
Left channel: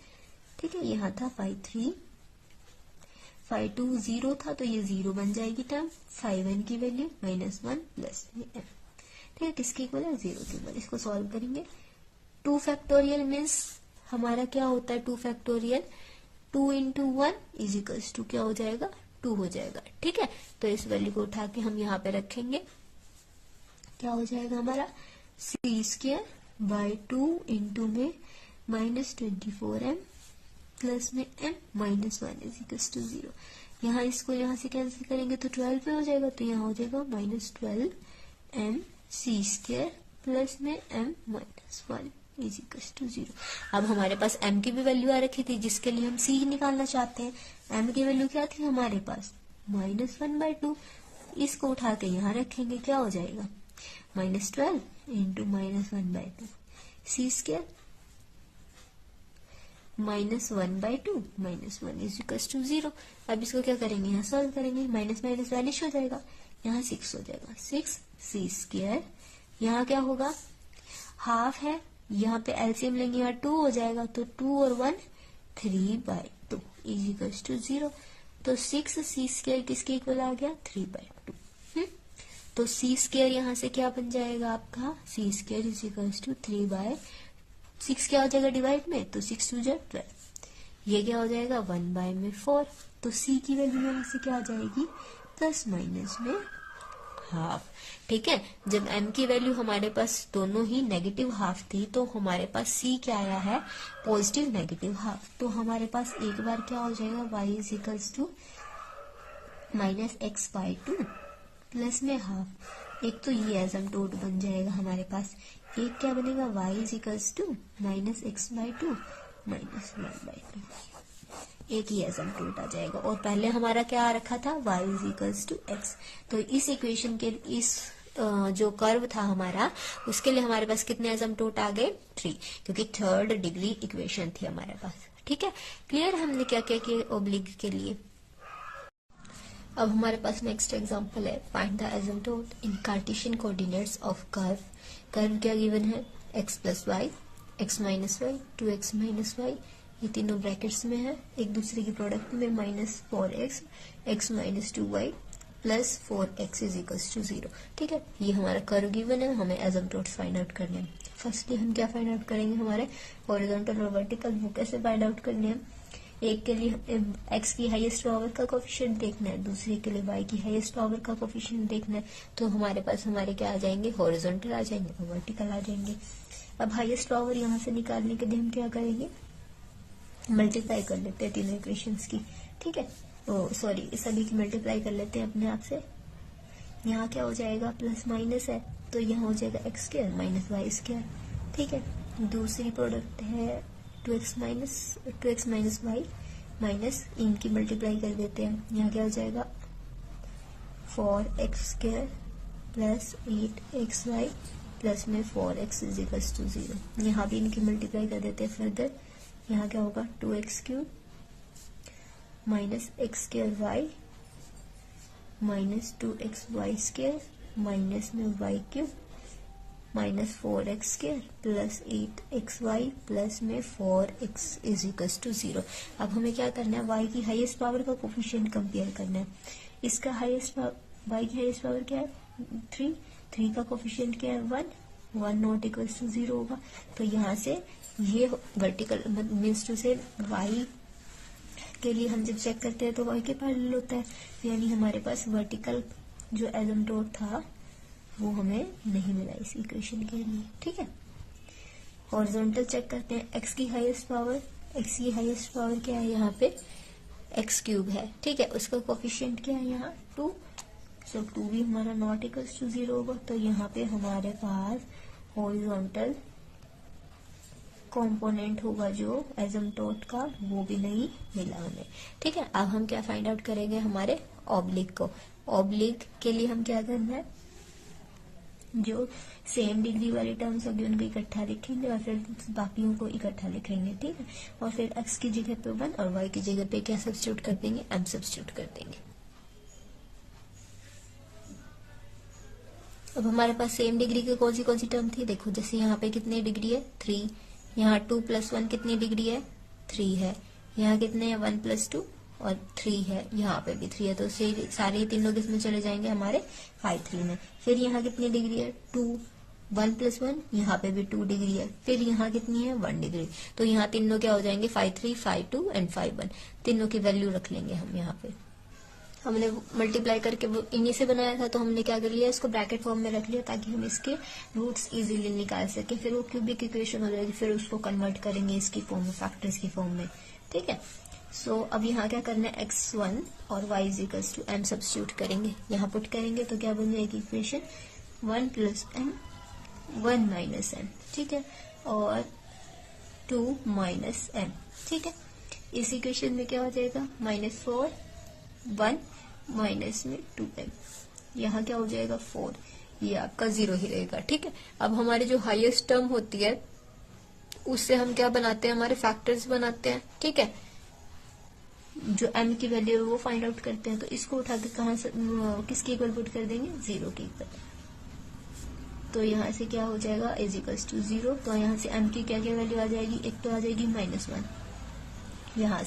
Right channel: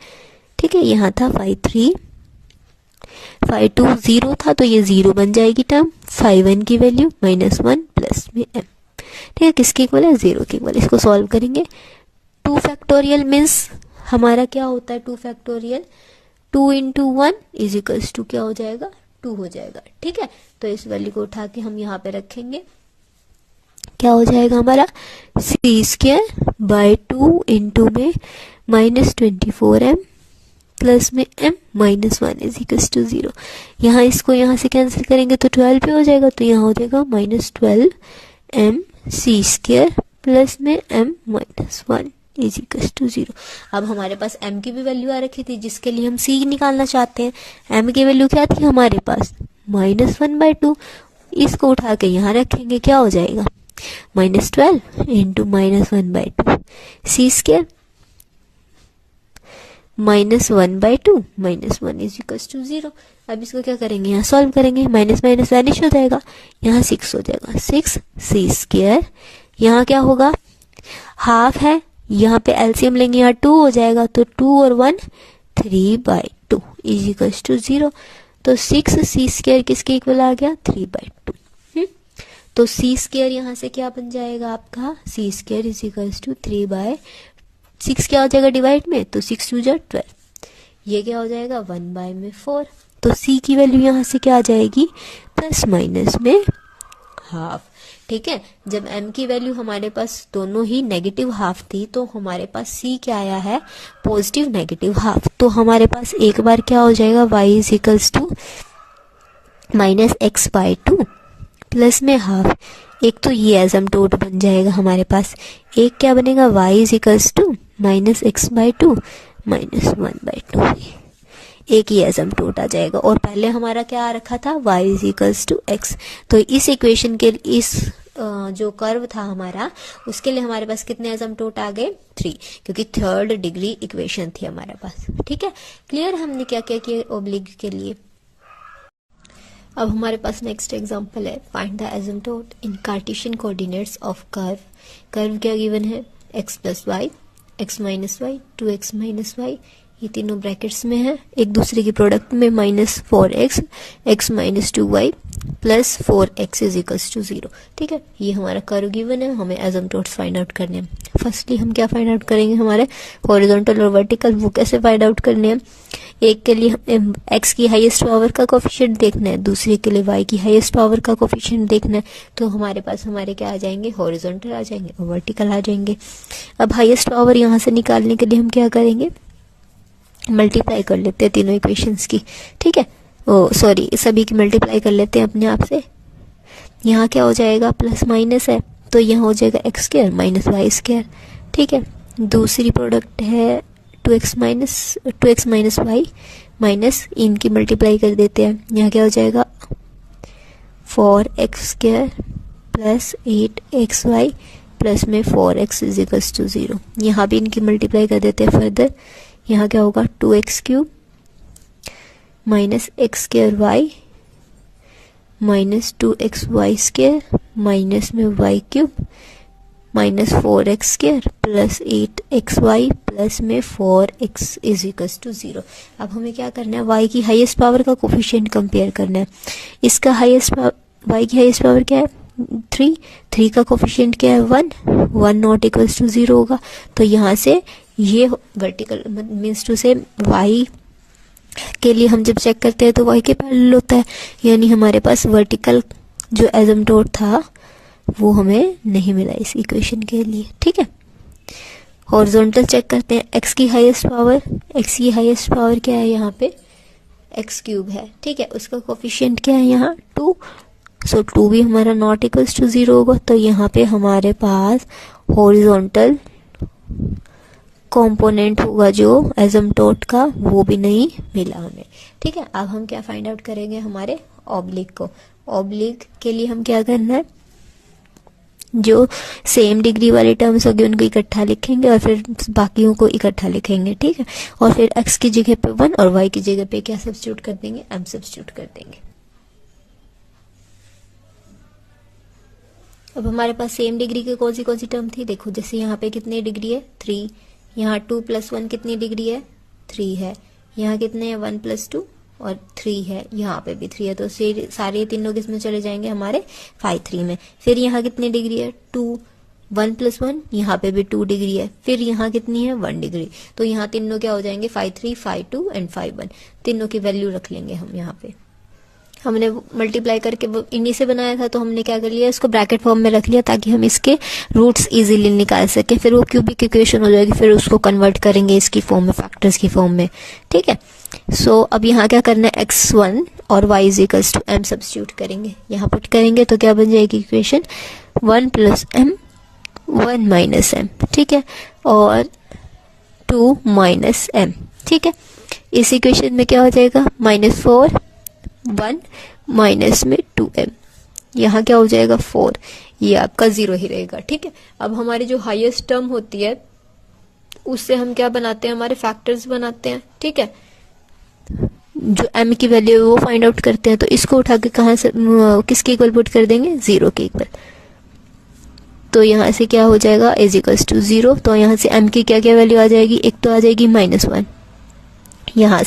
ठीक है। यहाँ था फाई 3, फाई 2 0 था तो ये 0 बन जाएगी टर्म, फाई 1 की वैल्यू -1 प्लस में m, ठीक है, किसके इक्वल है, 0 के इक्वल। इसको सॉल्व करेंगे, 2 फैक्टोरियल मीन्स हमारा क्या होता है, 2 factorial 2 into 1 is equals to क्या हो जाएगा, 2 हो जाएगा, ठीक है। तो इस वैल्यू को उठा के हम यहाँ पे रखेंगे, क्या हो जाएगा हमारा, c स्क्वायर बाय 2 इंटू में -24m प्लस में m -1 इज इक्वल्स टू 0। यहाँ इसको यहाँ से कैंसिल करेंगे तो 12 पे हो जाएगा, तो यहाँ हो जाएगा -12m c स्क्वायर प्लस में m -1 इज इक्वल्स टू 0। अब हमारे पास m की भी वैल्यू आ रखी थी जिसके लिए हम c निकालना चाहते हैं, m की वैल्यू क्या थी हमारे पास, -1/2, इसको उठा के यहाँ रखेंगे, क्या हो जाएगा, -12 into -1/2 c square -1/2 -1 is equals to 0। अब इसको क्या करेंगे, यहाँ सॉल्व करेंगे, माइनस माइनस वैनिश हो जाएगा, यहाँ 6 हो जाएगा, 6 c स्क्वायर, यहाँ क्या होगा, हाफ है, यहाँ पे एलसीएम लेंगे, यहाँ 2 हो जाएगा, तो 2 और 1 3/2 इज इक्वल्स टू 0। तो 6 c स्क्वायर किसके इक्वल आ गया, 3/2। तो c स्क्वायर यहाँ से क्या बन जाएगा आपका, c square is equals to 3/6 क्या हो जाएगा डिवाइड में, तो 6 2 12, ये क्या हो जाएगा 1/4। तो c की वैल्यू यहाँ से क्या आ जाएगी, प्लस माइनस में हाफ, ठीक है। जब m की वैल्यू हमारे पास दोनों ही नेगेटिव हाफ थी तो हमारे पास c क्या आया है, पॉजिटिव नेगेटिव हाफ। तो हमारे पास एक बार क्या हो जाएगा, y is equals to -x/2 plus में हाफ, एक तो ये एसिम्प्टोट बन जाएगा हमारे पास, एक क्या बनेगा, y is equals to -x/2 -1/2, एक ही एसिम्प्टोट आ जाएगा। और पहले हमारा क्या आ रखा था, y is equals to x। तो इस इक्वेशन के इस जो कर्व था हमारा, उसके लिए हमारे पास कितने एसिम्प्टोट आ गए, 3, क्योंकि थर्ड डिग्री इक्वेशन थी हमारे पास, ठीक है। क्लियर, हमने क्या क्या किया ओब्लिक के लिए। अब हमारे पास नेक्स्ट एग्जांपल है, find the asymptote in cartesian coordinates of curve. Curve क्या गिवन है, x plus y, x minus y, 2x minus y, ये तीनों ब्रैकेट्स में है, एक दूसरे की प्रोडक्ट में -4x, x minus 2y plus 4x is equals to 0, ठीक है। ये हमारा कर्व गिवन है, हमें एसिम्प्टोट्स फाइंड आउट करने हैं। फर्स्टली हम क्या फाइंड आउट करेंगे, हमारे हॉरिजॉन्टल और वर्टिकल, वो कैसे फाइंड आउट करने हैं। एक के लिए x की हाईएस्ट पावर का कोफिशिएंट देखना है, दूसरे के लिए y की हाईएस्ट पावर का कोफिशिएंट देखना है। तो हमारे पास हमारे क्या आ जाएंगे, हॉरिजॉन्टल आ जाएंगे और वर्टिकल आ जाएंगे। अब हाईएस्ट पावर यहाँ से निकालने के लिए हम क्या करेंगे, मल्टीप्लाई कर लेते हैं तीनों इक्वेशंस की, ठीक है। सॉरी, सभी की मल्टीप्लाई कर लेते हैं अपने आप से। यहाँ क्या हो जाएगा, प्लस माइनस है तो यहाँ हो जाएगा x square minus y square, ठीक है। दूसरी प्रोडक्ट है 2x माइनस वाई माइनस इनकी मल्टीप्लाई कर देते हैं, यहाँ क्या हो जाएगा 4x² प्लस 8xy प्लस में 4x इज इक्वल्स टू 0। यहाँ भी इनकी मल्टीप्लाई कर देते हैं फर्दर, यहाँ क्या होगा 2x³ minus x² minus 2xy² minus में y³ minus 4x² plus 8xy plus में 4x इज इक्वल्स टू 0। अब हमें क्या करना है, y की हाईएस्ट पावर का कोफिशिएंट कंपेयर करना है। इसका y की हाईएस्ट पावर क्या है 3 का कोफिशिएंट क्या है 1 नॉट इक्वल्स टू 0 होगा। तो यहाँ से ये वर्टिकल मीन्स टू से y के लिए हम जब चेक करते हैं तो y के पैरेलल होता है, यानी हमारे पास वर्टिकल जो एसिम्पटोट था वो हमें नहीं मिला इस इक्वेशन के लिए। ठीक है, हॉरिजॉन्टल चेक करते हैं। x की हाईएस्ट पावर क्या है, यहाँ पे x³ है। ठीक है, उसका कोफिशिएंट क्या है यहाँ 2, सो 2 भी हमारा नॉट इक्वल्स टू 0 होगा। तो यहाँ पे हमारे पास हॉरिजॉन्टल कंपोनेंट होगा जो एसिम्पटोट का, वो भी नहीं मिला हमें। ठीक है, अब हम क्या फाइंड आउट करेंगे, हमारे ऑब्लिक को। ऑब्लिक के लिए हम क्या करना है, जो सेम डिग्री वाले टर्म्स होंगे उनको इकट्ठा लिखेंगे और फिर बाकियों को इकट्ठा लिखेंगे। ठीक है, और फिर x की जगह पे 1 और y की जगह पे क्या सब्स्टिट्यूट कर देंगे, m सब्स्टिट्यूट कर देंगे। अब हमारे पास सेम डिग्री के कौन सी टर्म थी, देखो जैसे यहाँ पे कितनी डिग्री है 3, यहाँ 2 + 1 कितनी डिग्री है 3 है, यहाँ कितने हैं 1 + 2 और 3 है, यहाँ पे भी 3 है। तो सारे तीनों किसमें चले जाएंगे, हमारे 5 3 में। फिर यहाँ कितनी डिग्री है 2, 1 + 1 यहाँ पे भी 2 डिग्री है, फिर यहाँ कितनी है 1 डिग्री। तो यहाँ तीनों क्या हो जाएंगे 5 3 5 2 एंड 5 1, तीनों की वैल्यू रख लेंगे हम। यहाँ पे हमने मल्टीप्लाई करके इन्हीं से बनाया था, तो हमने क्या कर लिया, इसको ब्रैकेट फॉर्म में रख लिया ताकि हम इसके रूट्स इजीली निकाल सके। फिर वो क्यूबिक इक्वेशन हो जाएगी, फिर उसको कन्वर्ट करेंगे इसकी फॉर्म में, फैक्टर्स की फॉर्म में। ठीक है, सो अब यहाँ क्या करना है, x1 और y is equals to m substitute करेंगे। यहाँ पुट करेंगे तो क्या बन जाएगी इक्वेशन 1 + m 1 - m। ठीक है, और 2 - m। ठीक है, इस इक्वेशन में क्या हो जाएगा -4 1 माइनस में 2m, यहाँ क्या हो जाएगा 4, ये आपका 0 ही रहेगा। ठीक है, अब हमारी जो हाईएस्ट टर्म होती है उससे हम क्या बनाते हैं, हमारे फैक्टर्स बनाते हैं। ठीक है, जो m की वैल्यू है वो फाइंड आउट करते हैं। तो इसको उठा के कहाँ से किसके इक्वल पुट कर देंगे, 0 के इक्वल। तो यहाँ से क्या हो जाएगा इज इक्वल्स टू 0। तो यहाँ से m की क्या क्या वैल्यू आ जाएगी, एक तो आ जाएगी -1, यहाँ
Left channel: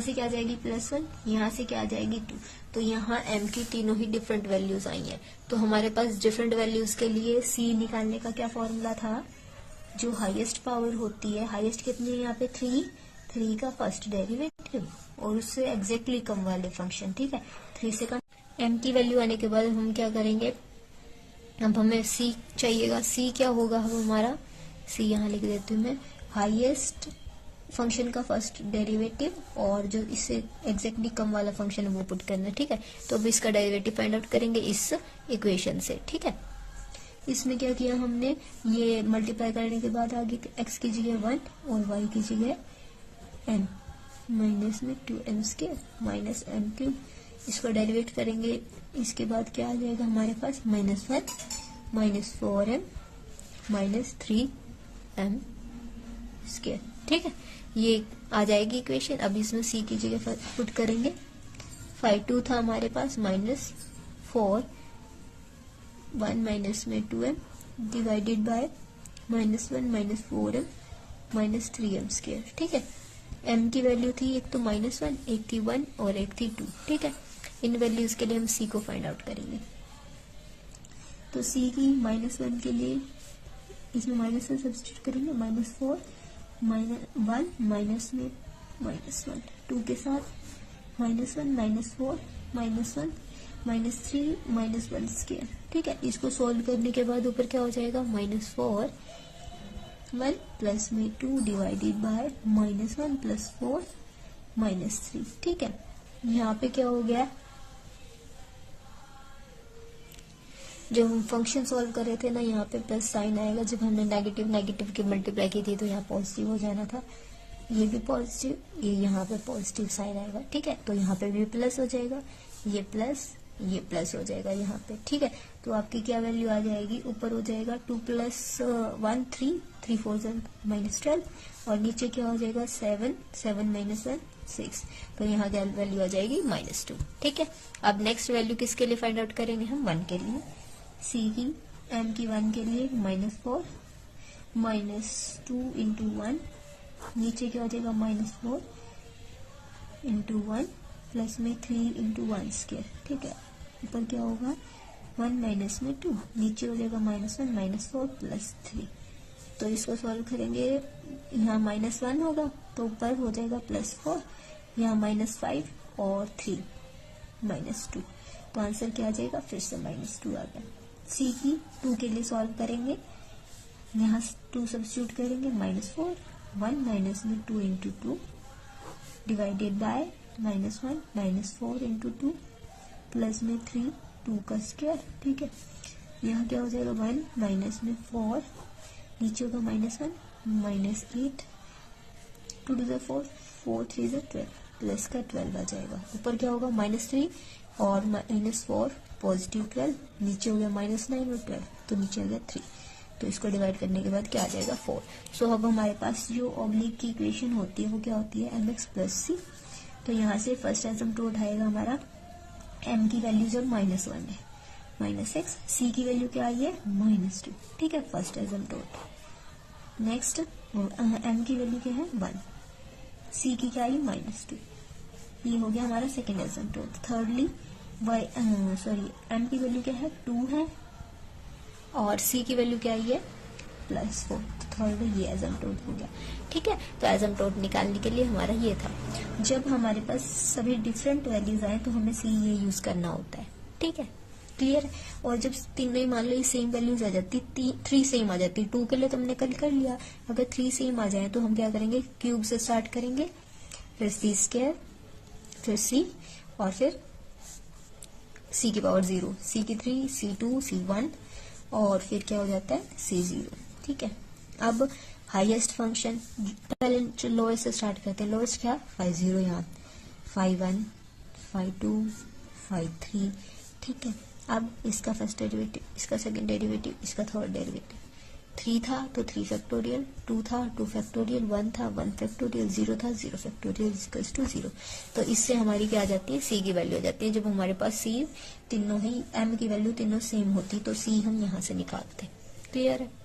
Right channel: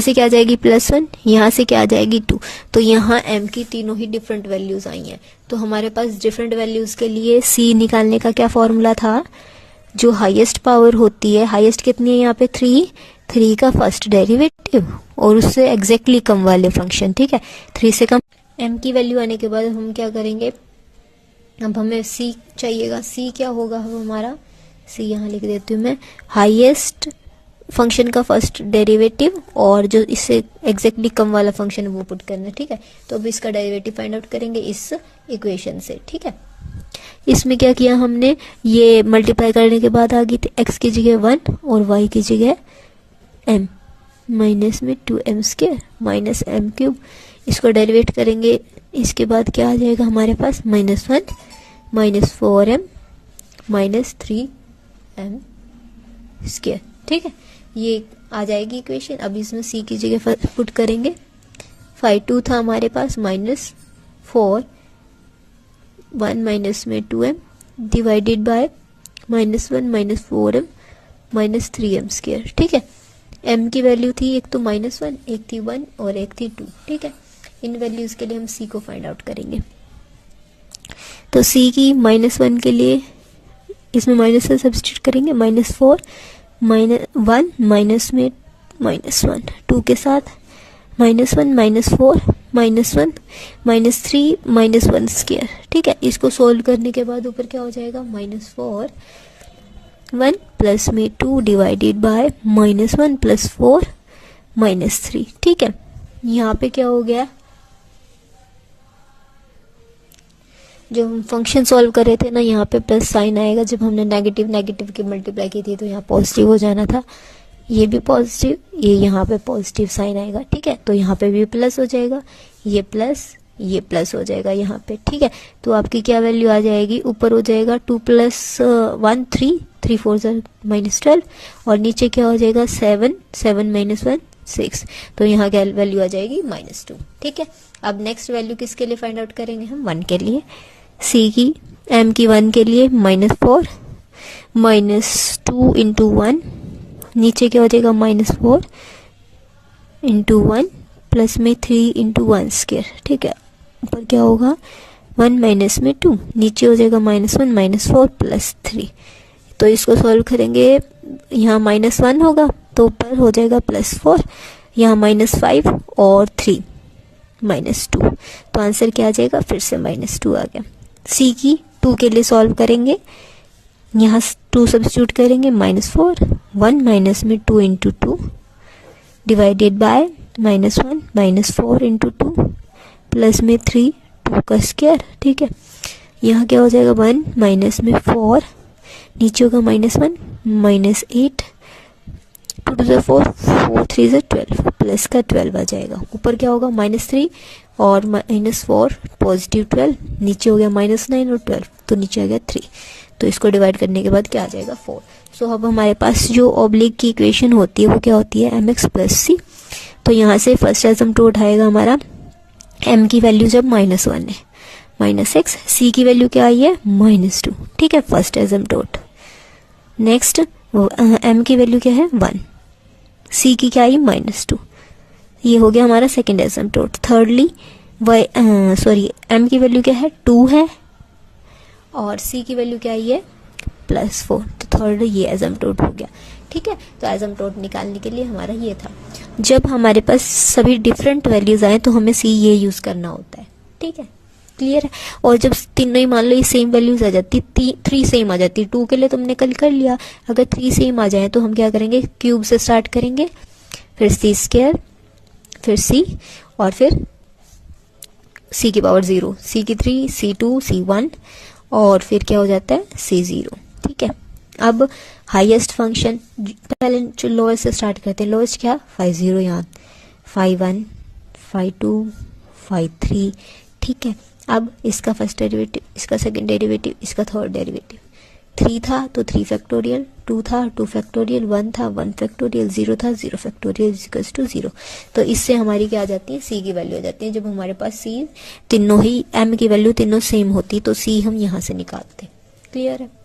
से क्या आ जाएगी +1, यहाँ से क्या आ जाएगी 2। तो यहाँ m की तीनों ही डिफरेंट वैल्यूज आई हैं। तो हमारे पास डिफरेंट वैल्यूज के लिए c निकालने का क्या फॉर्मूला था, जो हाईएस्ट पावर होती है, हाईएस्ट कितनी है यहाँ पे 3 का फर्स्ट डेरिवेटिव और उससे एग्जैक्टली कम वाले फंक्शन। ठीक है, 3 से कम m की वैल्यू आने के बाद हम क्या करेंगे, अब हमें c चाहिएगा। c क्या होगा, अब हमारा c यहाँ लिख देती हूँ मैं, हाईएस्ट फंक्शन का फर्स्ट डेरिवेटिव और जो इससे एग्जैक्टली कम वाला फंक्शन वो पुट करना है। ठीक है, तो अब इसका डेरिवेटिव फाइंड आउट करेंगे इस इक्वेशन से। ठीक है, इसमें क्या किया हमने, ये मल्टीप्लाई करने के बाद आ गई थी x की जगह 1 और y की जगह m माइनस में 2m² माइनस m³। इसको डेरिवेट करेंगे, इसके बाद क्या आ जाएगा हमारे पास -1 -4m -3m²। ठीक है, ये आ जाएगी इक्वेशन। अब इसमें c की जगह पुट करेंगे, 5 2 था हमारे पास, -4 1 माइनस में 2m divided by -1 -4m -3m²। ठीक है, m की वैल्यू थी एक तो -1, एक थी 1 और एक थी 2। ठीक है, इन वैल्यूज के लिए हम c को फाइंड आउट करेंगे। तो c की -1 के लिए इसमें -1 सब्स्टिट्यूट करेंगे, -4 -1 माइनस में -1 2 के साथ -1 -4 -1 -3 -1²। ठीक है, इसको सोल्व करने के बाद ऊपर क्या हो जाएगा, -4 1 प्लस में 2 डिवाइडेड बाय -1 + 4 -3। ठीक है, यहाँ पे क्या हो गया, जो हम फंक्शन सॉल्व कर रहे थे ना, यहाँ पे प्लस साइन आएगा। जब हमने नेगेटिव नेगेटिव की मल्टीप्लाई की थी तो यहाँ पॉजिटिव हो जाना था, ये भी पॉजिटिव, ये यहाँ पे पॉजिटिव साइन आएगा, ठीक है। तो यहाँ पे भी प्लस हो जाएगा, ये प्लस हो जाएगा यहाँ पे, ठीक है। तो आपकी क्या वैल्यू आ जाएगी, ऊपर हो जाएगा 2 + 1 3, 3 4 -12, और नीचे क्या हो जाएगा 7, 7 - 1 6। तो यहाँ क्या वैल्यू आ जाएगी -2, ठीक है। अब नेक्स्ट वैल्यू किसके लिए फाइंड आउट करेंगे हम, 1 के लिए। सी की एम की 1 के लिए -4 -2 × 1, नीचे क्या हो जाएगा -4 × 1 प्लस में 3 × 1², ठीक है। ऊपर क्या होगा 1 - 2, नीचे हो जाएगा -1 -4 + 3। तो इसको सॉल्व करेंगे, यहाँ -1 होगा तो ऊपर हो जाएगा +4, यहाँ -5 और 3 -2। तो आंसर क्या आ जाएगा, फिर से -2 आ गया। सी की 2 के लिए सॉल्व करेंगे, यहाँ 2 सब्स्टिट्यूट करेंगे, -4 1 - 2 × 2 डिवाइडेड बाय -1 -4 × 2 प्लस में 3 2 का स्क्वायर, ठीक है। यहाँ क्या हो जाएगा 1 -4, नीचे होगा -1 -8 2 2 4 4 3 12 प्लस का 12 आ जाएगा। ऊपर क्या होगा -3 और -4 पॉजिटिव 12, नीचे हो गया -9 और 12, तो नीचे आ गया 3। तो इसको डिवाइड करने के बाद क्या आ जाएगा 4। सो अब हमारे पास जो ऑब्लिक की इक्वेशन होती है वो क्या होती है, mx + c। तो यहाँ से फर्स्ट एसिम्पटोट आएगा हमारा m की वैल्यू जब -1 है -x, c की वैल्यू क्या आई है -2, ठीक है, फर्स्ट एसिम्पटोट। नेक्स्ट m की वैल्यू क्या है 1, c की क्या आई -2, ये हो गया हमारा सेकेंड एसिम्पटोट। थर्डली m की वैल्यू क्या है 2 है और c की वैल्यू क्या आई है +4, तो थर्ड ये एसिम्पटोट हो गया, ठीक है। तो एसिम्पटोट निकालने के लिए हमारा ये था। जब हमारे पास सभी डिफरेंट वैल्यूज आए तो हमें सी ये यूज करना होता है, ठीक है, क्लियर है। और जब तीनों ही मान लो ये सेम वैल्यूज आ जाती, 3 सेम आ जाती, 2 के लिए तुमने कल कर लिया, अगर 3 सेम आ जाए तो हम क्या करेंगे, क्यूब से स्टार्ट करेंगे, फिर c², फिर c, और फिर c की पावर 0, c की 3, c2 c1, और फिर क्या हो जाता है c0, ठीक है। अब हाईएस्ट फंक्शन, पहले लोएस्ट से स्टार्ट करते हैं। लोएस्ट क्या 5 यहाँ 5 1 5 2 5 3, ठीक है। अब इसका फर्स्ट डेरिवेटिव, इसका सेकंड डेरिवेटिव, इसका थर्ड डेरिवेटिव। 3 था तो 3 फैक्टोरियल, 2 था 2 फैक्टोरियल, 1 था 1 फैक्टोरियल, 0 था 0 फैक्टोरियल इक्वल्स टू 0। तो इससे हमारी क्या आ जाती है, सी की वैल्यू आ जाती है। जब हमारे पास सी तीनों ही एम की वैल्यू तीनों सेम होती तो सी हम यहाँ से निकालते, क्लियर है।